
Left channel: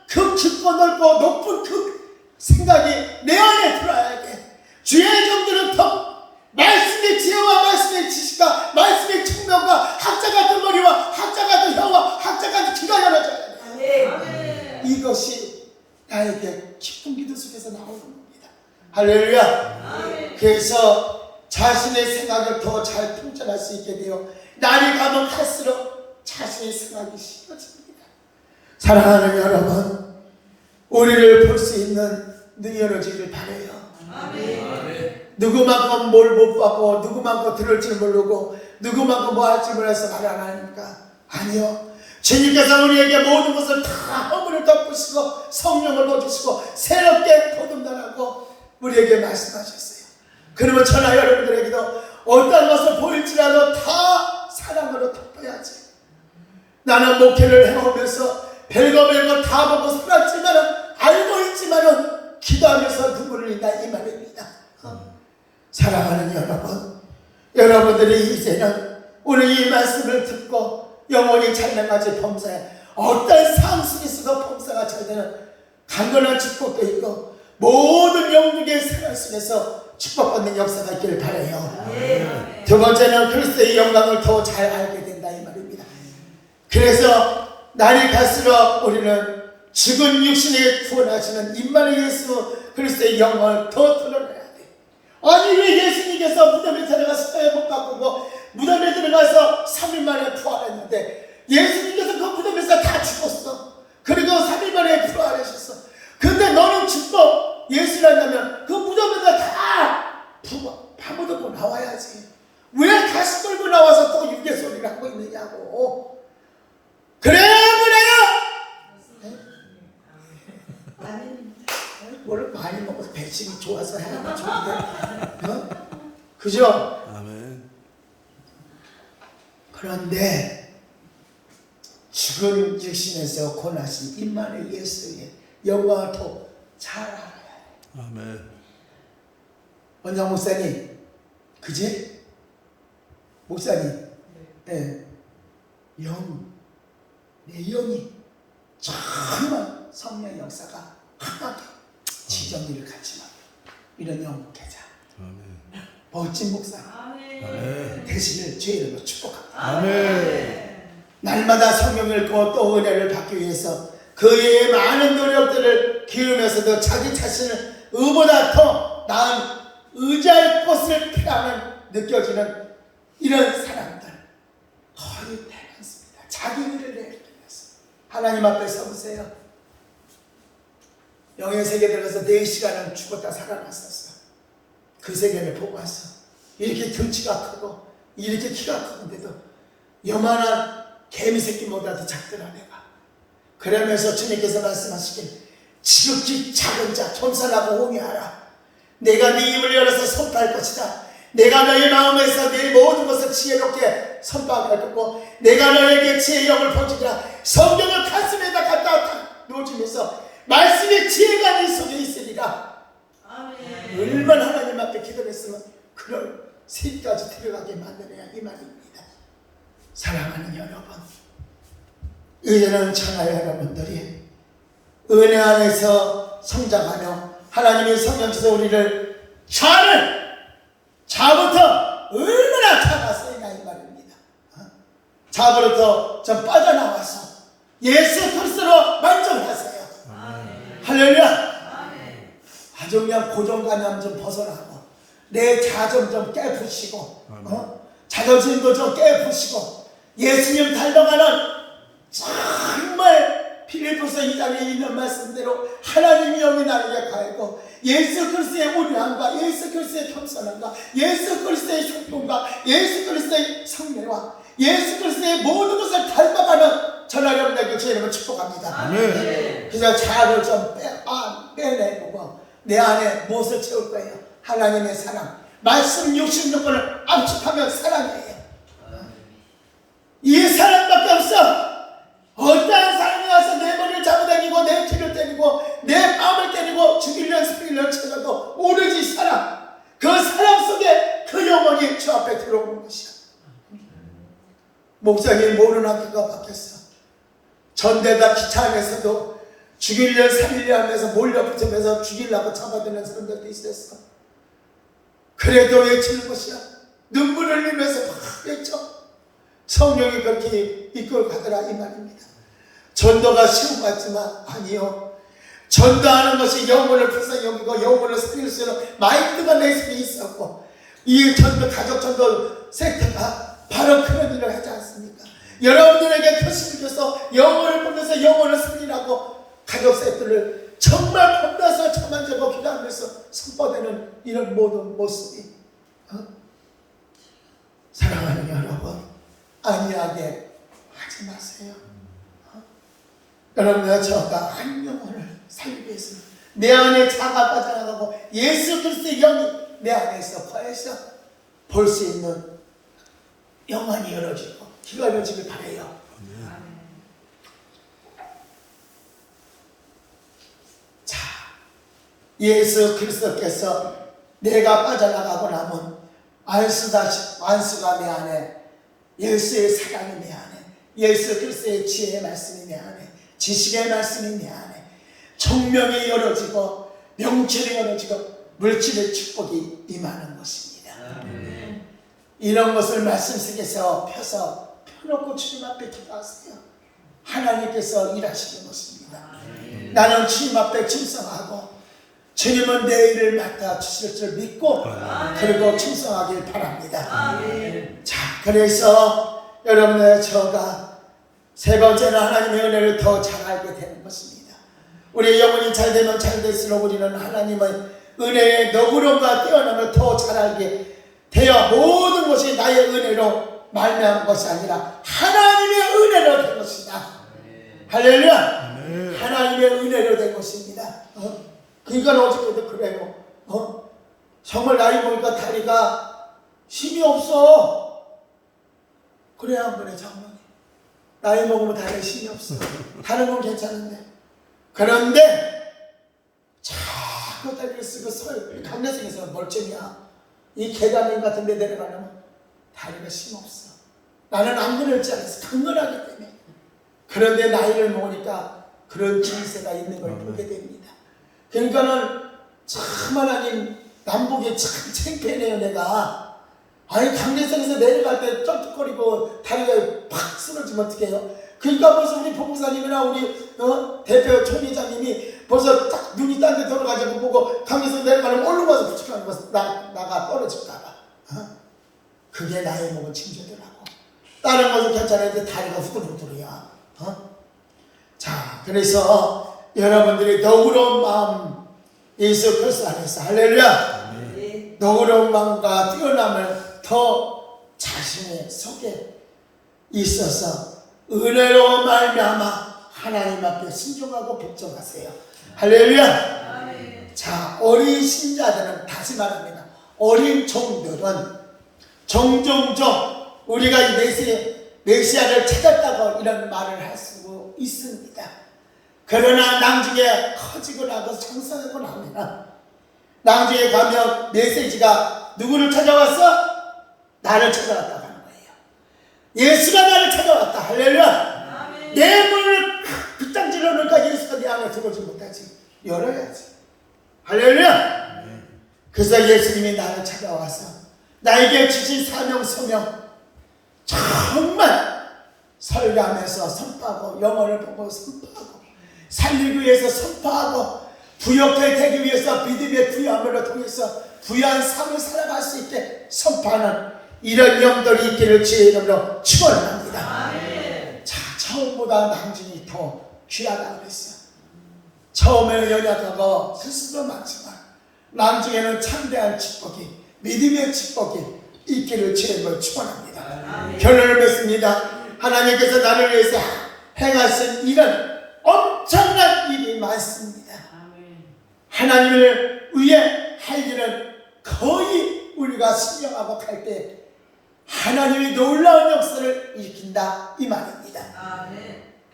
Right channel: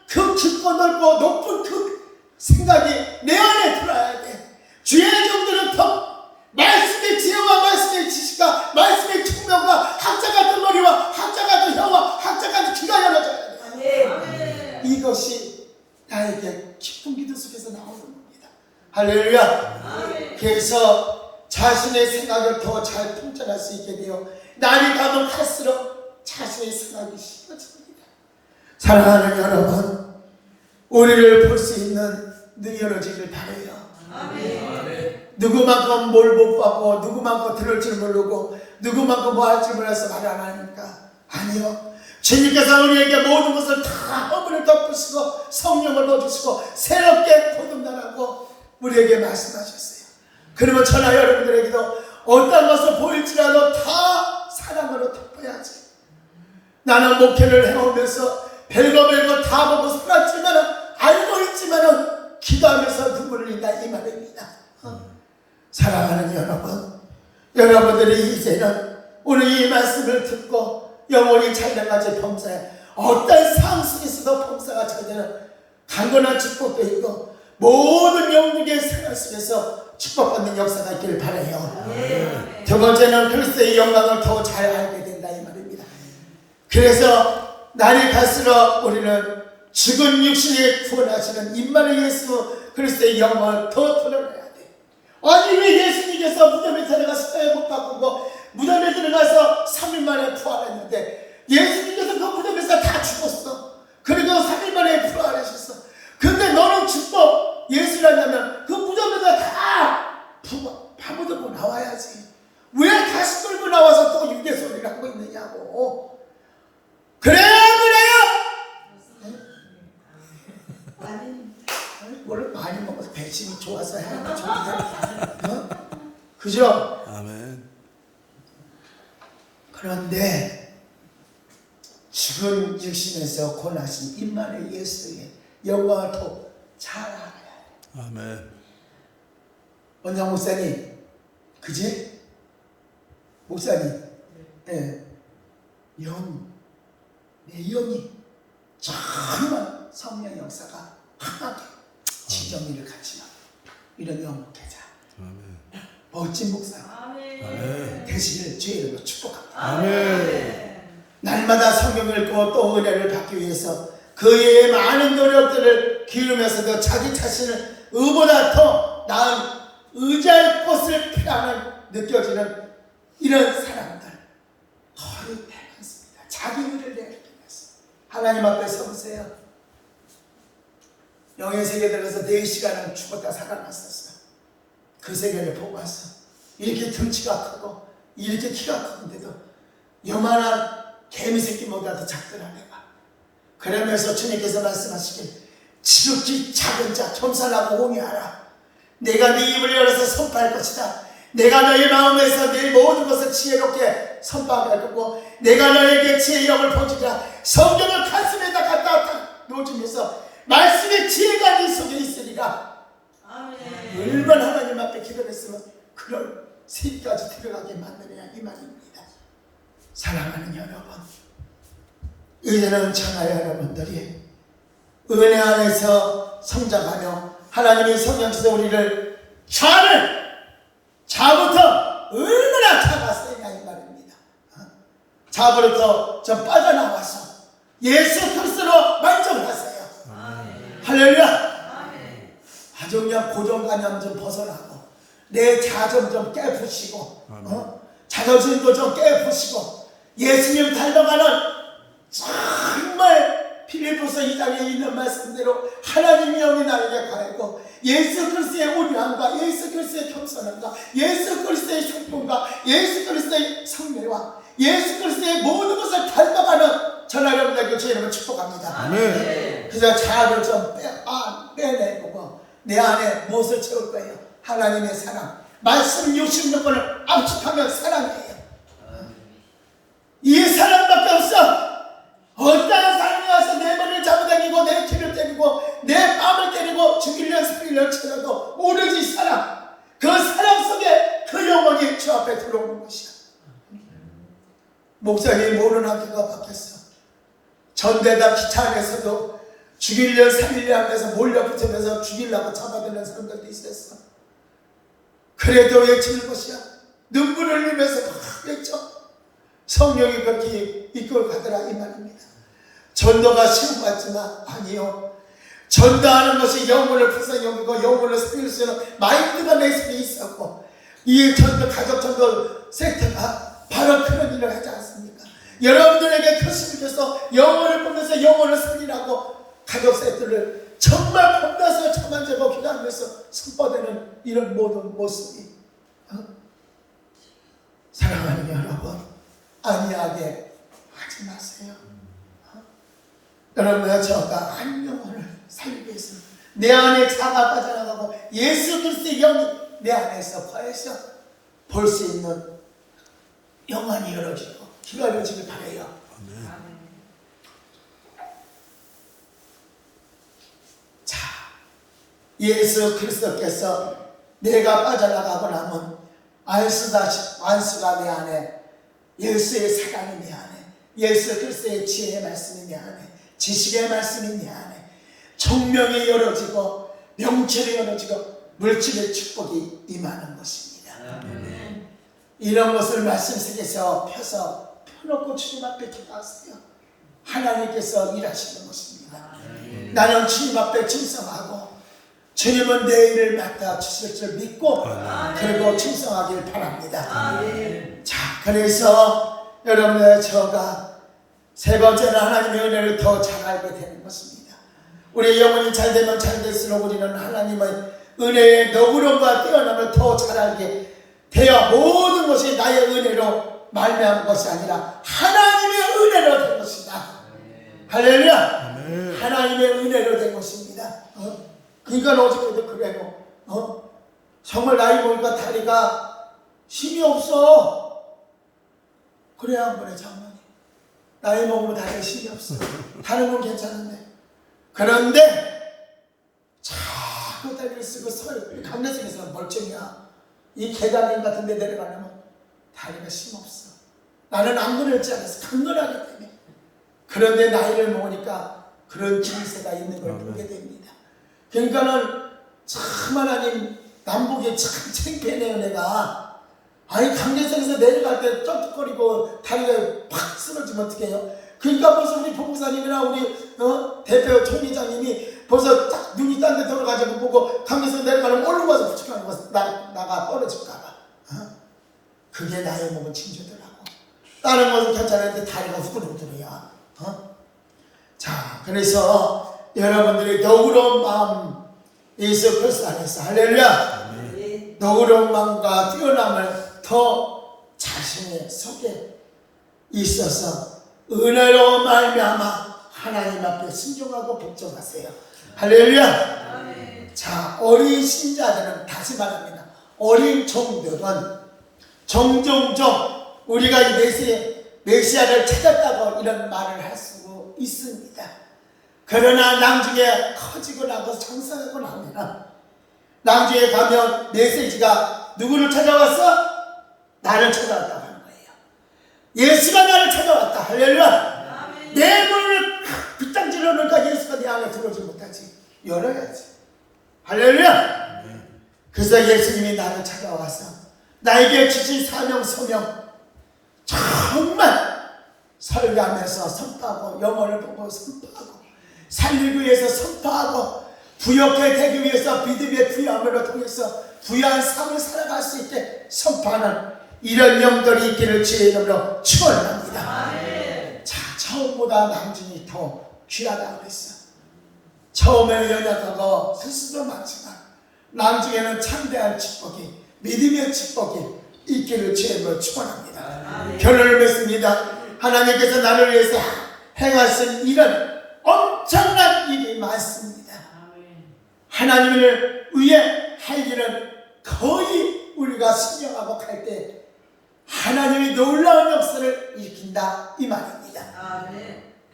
그 깊고 넓고 높은 그 생각이 내 안에 들어야 돼. 주의 종들은 더 말씀의 지혜와 말씀의 지식과 말씀의 총명과 학자 같은 머리와 학자 같은 혀와 학자 같은 귀가 열어져야 돼. 이것이 나에게 깊은 기도 속에서 나오는 겁니다. 할렐루야. 그래서 자신의 생각을 더 잘 통찰할 수 있게 되어 날이 가면 갈수록 자신의 생각이 쉬워집니다. 사랑하는 여러분, 우리를 볼 수 있는 눈이 열어지길 바라요. 누구만큼 뭘 못 받고 누구만큼 들을 줄 모르고 누구만큼 뭐 할 줄 몰라서 말 안 하니까 아니요. 주님께서 우리에게 모든 것을 다 허물을 덮으시고 성령을 넣어주시고 새롭게 거듭나라고 우리에게 말씀하셨어요. 그러면 저나 여러분들에게도 어떤 것을 보일지라도 다 사랑으로 덮어야지. 나는 목회를 해오면서 별거 다 보고 살았지만 알고 있지만 기도하면서 눈물을 흘린다 이 말입니다. 사랑하는 여러분, 여러분들이 이제는 우리 이 말씀을 듣고 영혼이 잘나가지 범사에 어떤 상황 속에서도 범사가 잘되는 강건한 축복도 있고 모든 영국의 생활 속에서 축복받는 역사가 있기를 바라요. 두 번째는 그리스도의 영광을 더 잘 알게 된다 이 말입니다. 그래서 날이 갈수록 우리는 죽은 육신에 구원하시는 임마누엘 예수 그리스도의 영광을 더 드러내야 돼. 아니 왜 예수님께서 무덤에 들어가서 사회 못 바꾸고 무덤에 들어가서 3일 만에 부활했는데 예수님께서 그 무덤에서 다 죽었어. 그리고 3일 만에 부활하셨어. 근데 너는 죽고 예수라면 그 무덤에다 다 파묻고 나와야지. 왜 다시 끌고 나와서 또 유괴소리를 하고 있느냐고. 그래요. 뭘 많이 먹어서 배심이 좋아서 해가 좋은데, 어? 그죠? 아멘. 그런데 죽은 육신에서 권하신 임마누엘 예수의 영광을 더 잘 알아야 돼. 아멘. 원장 목사님, 그지? 목사님, 예, 내 영이 정말 성령 역사가 강하게 지정의를 갖지만 이런 영목회자 멋진 목사님 되시길 주의 이름으로 축복합니다. 아멘. 날마다 성경을 읽고 또 은혜를 받기 위해서 그의 많은 노력들을 기울이면서도 자기 자신을 의보다 더 나은 의지할 곳을 피하는 느껴지는 이런 사람들 거의 대단습니다. 자기 일을 내려놓으면서 하나님 앞에 서보세요. 영의 세계 들어서 4시간을 죽었다 살아났었어요. 그 세계를 보고 왔어. 이렇게 등치가 크고 이렇게 키가 크는데도 요만한 개미 새끼보다도 작더라 내가. 그러면서 주님께서 말씀하시길 지극히 작은 자 겸손하고 홍해하라. 내가 네 입을 열어서 선포할 것이다. 내가 너의 마음에서 내 모든 것을 지혜롭게 선포할 거고 내가 너에게 지혜의 영을 보여주리라. 성경을 가슴에다 갖다 놓으면서 말씀의 지혜가 네 속에 있으리라. 아멘. 얼마나 하나님 앞에 기도했으면 그걸 세까지 들어가게 만들어야 이 말입니다. 사랑하는 여러분, 이제는 저나 여러분들이 은혜 안에서 성장하며 하나님이 성령께서 우리를 자부터 얼마나 잡았으냐 이 말입니다. 자부로부터 좀 빠져나와서 예수 그리스도로 만족을 하세요. 할렐루야. 아주 그냥 고정관념 좀 벗어나고 내 자존 좀 깨부시고 자존심도 좀 깨부시고 예수님 닮아가는 정말 필리포스 2장에 있는 말씀대로 하나님의 영이 나에게 가하고 예수 그리스도의 온유함과 예수 그리스도의 겸손함과 예수 그리스도의 형통과 예수 그리스도의 성례와 예수 그리스도의 모든 것을 닮아가는 저나 여러분에게 제 이름을 축복합니다. 아멘. 그래서 자아를 좀 빼내보고 내 안에 무엇을 채울 거예요? 하나님의 사랑, 말씀 66번을 압축하면 사랑이에요. 이 사랑밖에 없어. 어떤 사람이 와서 내 머리를 잡아당기고 내 귀를 때리고 내 뺨을 때리고 죽이려 살리려 쳐도 오로지 사랑. 그 사랑 속에 그 영혼이 주 앞에 들어오는 것이야. 목사님이 모르는 학교가 바뀌었어. 전대다 기차안에서도 죽이려 살리려 하면서 몰려붙으면서 죽이려고 잡아들는 사람들도 있었어. 그래도 외치는 것이야. 눈물을 흘리면서 막 외쳐. 성령이 그렇게 이끌어 가더라 이 말입니다. 전도가 쉬운 것 같지만 아니요. 전도하는 것이 영혼을 불쌍히 여기고 영혼을 살릴 수 있는 마인드가 내 속에 있었고 이 전도 가족 전도 섹터가 바로 그런 일을 하지 않습니까? 여러분들에게 표시를 줘서 영혼을 보면서 영혼을 살리라고 가족 섹터를 정말 혼자서 참아주고 기도하면서 선포되는 이런 모든 모습이 사랑하는 여러분 안이하게 하지 마세요. 여러분과 저가 한 영혼을 살기 위해서 내 안에 자가 빠져나가고 예수 그리스도의 영이 내 안에서 거해서 볼 수 있는 영안이 열어지고 귀가 열어지길 바라요. 자, 예수 그리스도께서 내가 빠져나가고 나면 안수가 내 안에 예수의 사랑이 내 안에 예수 그리스도의 지혜의 말씀이 내 안에 지식의 말씀이 내 안에 총명이 열어지고 명철이 어느지고 물질의 축복이 임하는 것입니다. 이런 것을 말씀 속에서 펴놓고 주님 앞에 기도하세요. 하나님께서 일하시는 것입니다. 나는 주님 앞에 충성하고 주님은 내 일을 맡아 주실 줄 믿고 그리고 충성하길 바랍니다. 자, 그래서 여러분의 저가 세 번째는 하나님의 은혜를 더 잘 알게 되는 것입니다. 우리의 영혼이 잘 되면 잘 될수록 우리는 하나님의 은혜의 너그러움과 뛰어남을 더 잘 알게 되어 모든 것이 나의 은혜로 말미암은 것이 아니라 하나님의 은혜로 된 것이다. 할렐루야. 하나님의 은혜로 된 것입니다. 그러니까 어저께도 그래요. 정말 나이 보니까 다리가 힘이 없어. 그래야 한 번에 장모님. 나이 먹으면 다리에 힘이 없어. 다른 건 괜찮은데. 그런데 자꾸 다리를 쓰고 강내성에서는 멀쩡이야. 이 계단님 같은 데 내려가려면 다리가 힘 없어. 나는 안 그럴지 않아서 강건하기 때문에. 그런데 나이를 먹으니까 그런 증세가 있는 걸 보게 됩니다. 그러니까는 참 하나님 남북이 참 창피해요. 내가 아니 강대성에서 내려갈 때 쩔뚝거리고 다리가 팍 쓰러지면 어떡해요. 그러니까 벌써 우리 본부사님이나 우리 대표 총회장님이 벌써 딱 눈이 딴 데 돌아가지고 보고 강대성 내려가면 올라가서 부축하는 나가 떨어질까봐. 그게 나이 먹은 징조더라고. 다른 것은 괜찮은데 다리가 후들후들이야. 자, 그래서 여러분들이 너그러운 마음 예수 그리스도 안에서 할렐루야. 너그러운 마음과 뛰어남을 더 자신의 속에 있어서 은혜로 말미암아 하나님 앞에 순종하고 복종하세요. 할렐루야. 자, 어린 신자들은 다시 말합니다. 어린 종들은 종종종 우리가 이 메시아를 찾았다고 이런 말을 할 수 있습니다. 그러나 나중에 커지고 나고 성장하고 나면 나중에 가면 메시지가 누구를 찾아왔어? 나를 찾아왔다고 하는 거예요. 예수가 나를 찾아왔다. 할렐루야. 내 문을 빗장질러 놓으니까 예수가 내 안에 들어오지 못하지. 열어야지. 할렐루야. 그래서 예수님이 나를 찾아와서 나에게 주신 사명 소명 정말 설교하면서 선포하고 영혼을 보고 선포하고 살리기 위해서 선포하고 부욕해 되기 위해서 믿음의 부여함으로 통해서 부유한 삶을 살아갈 수 있게 선포하는 이런 영들이 있기를 주의 이름으로 축원합니다. 자, 처음보다 남중이 더 귀하다고 그랬어. 처음에는 연약하고 스스로 많지만 남중에는 참대한 축복이 믿음의 축복이 있기를 주의 이름으로 축원합니다. 결론을 맺습니다. 하나님께서 나를 위해서 행하신 일은 엄청난 일이 많습니다. 하나님을 위해 할 일은 거의 우리가 신령하고 갈 때 하나님이 놀라운 역사를 일으킨다 이 말입니다.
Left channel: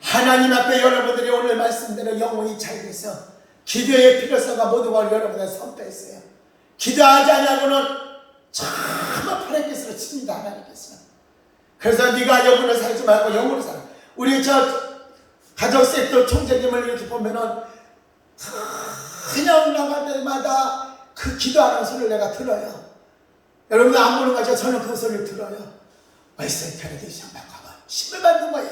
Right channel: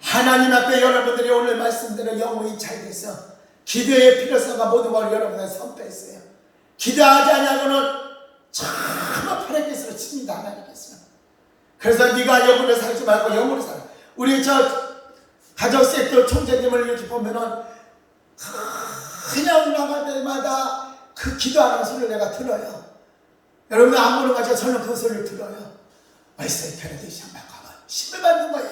하나님 앞에 여러분들이 오늘 말씀대로 영혼이 잘 돼서 기도의 필요성과 모든 걸 여러분들 선포했어요. 기도하지 않냐고는 정말 파라기스로 칩니다. 하나님께서. 그래서 네가 영혼을 살지 말고 영혼을 살아. 우리 저 가족 섹터 총재님을 이렇게 보면은 그냥 나갈 때마다 그 기도하는 소리를 내가 들어요. 여러분 안 보는 거죠? 저는 그 소리를 들어요. 말씀의 편에도 시험 받고 심을 받는 거예요.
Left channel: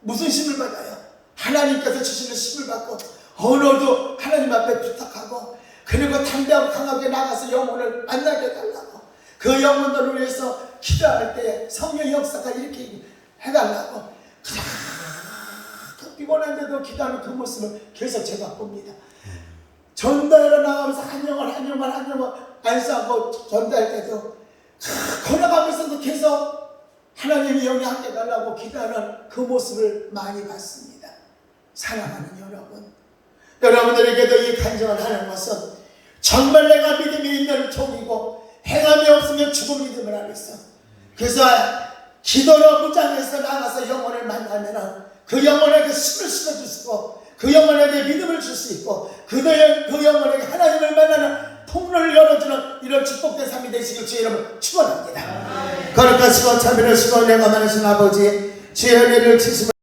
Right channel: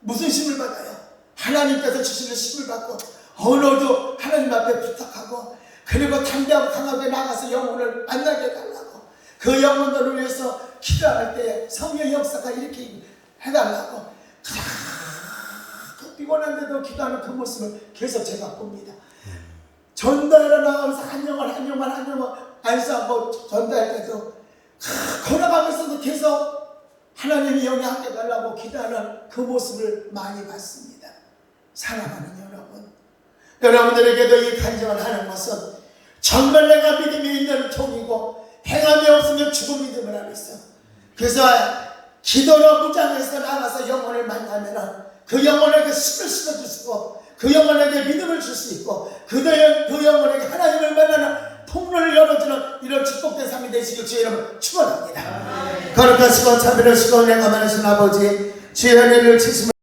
무슨 심을 받아요? 하나님께서 주시는 심을 받고 오늘도 하나님 앞에 부탁하고 그리고 담대하고 강하게 나가서 영혼을 만나게 해달라고 그 영혼들을 위해서 기도할 때 성령의 역사가 이렇게 해달라고 피곤한데도 기도하는 그 모습을 계속 제가 봅니다. 전도회로 나가면서 한 영혼 안수하고 전도할 때도 걸어가면서도 계속 하나님이 영향하게 달라고 기도하는 그 모습을 많이 봤습니다. 사랑하는 여러분, 여러분들에게도 이 간증을 하는 것은 정말 내가 믿음이 있는 종이고 행함이 없으면 죽은 믿음을 하고 있어. 그래서 기도로 무장해서 나가서 영혼을 만나면 그 영혼에게 힘을 실어줄 수 있고 그 영혼에게 믿음을 줄 수 있고 그 영혼에게 하나님을 만나는 통로를 열어주는 이런 축복된 삶이 되시길 주의 이름으로 축원합니다. 거룩하시고 자비로우시고 내가 많으신 아버지 주의 은혜를 주시면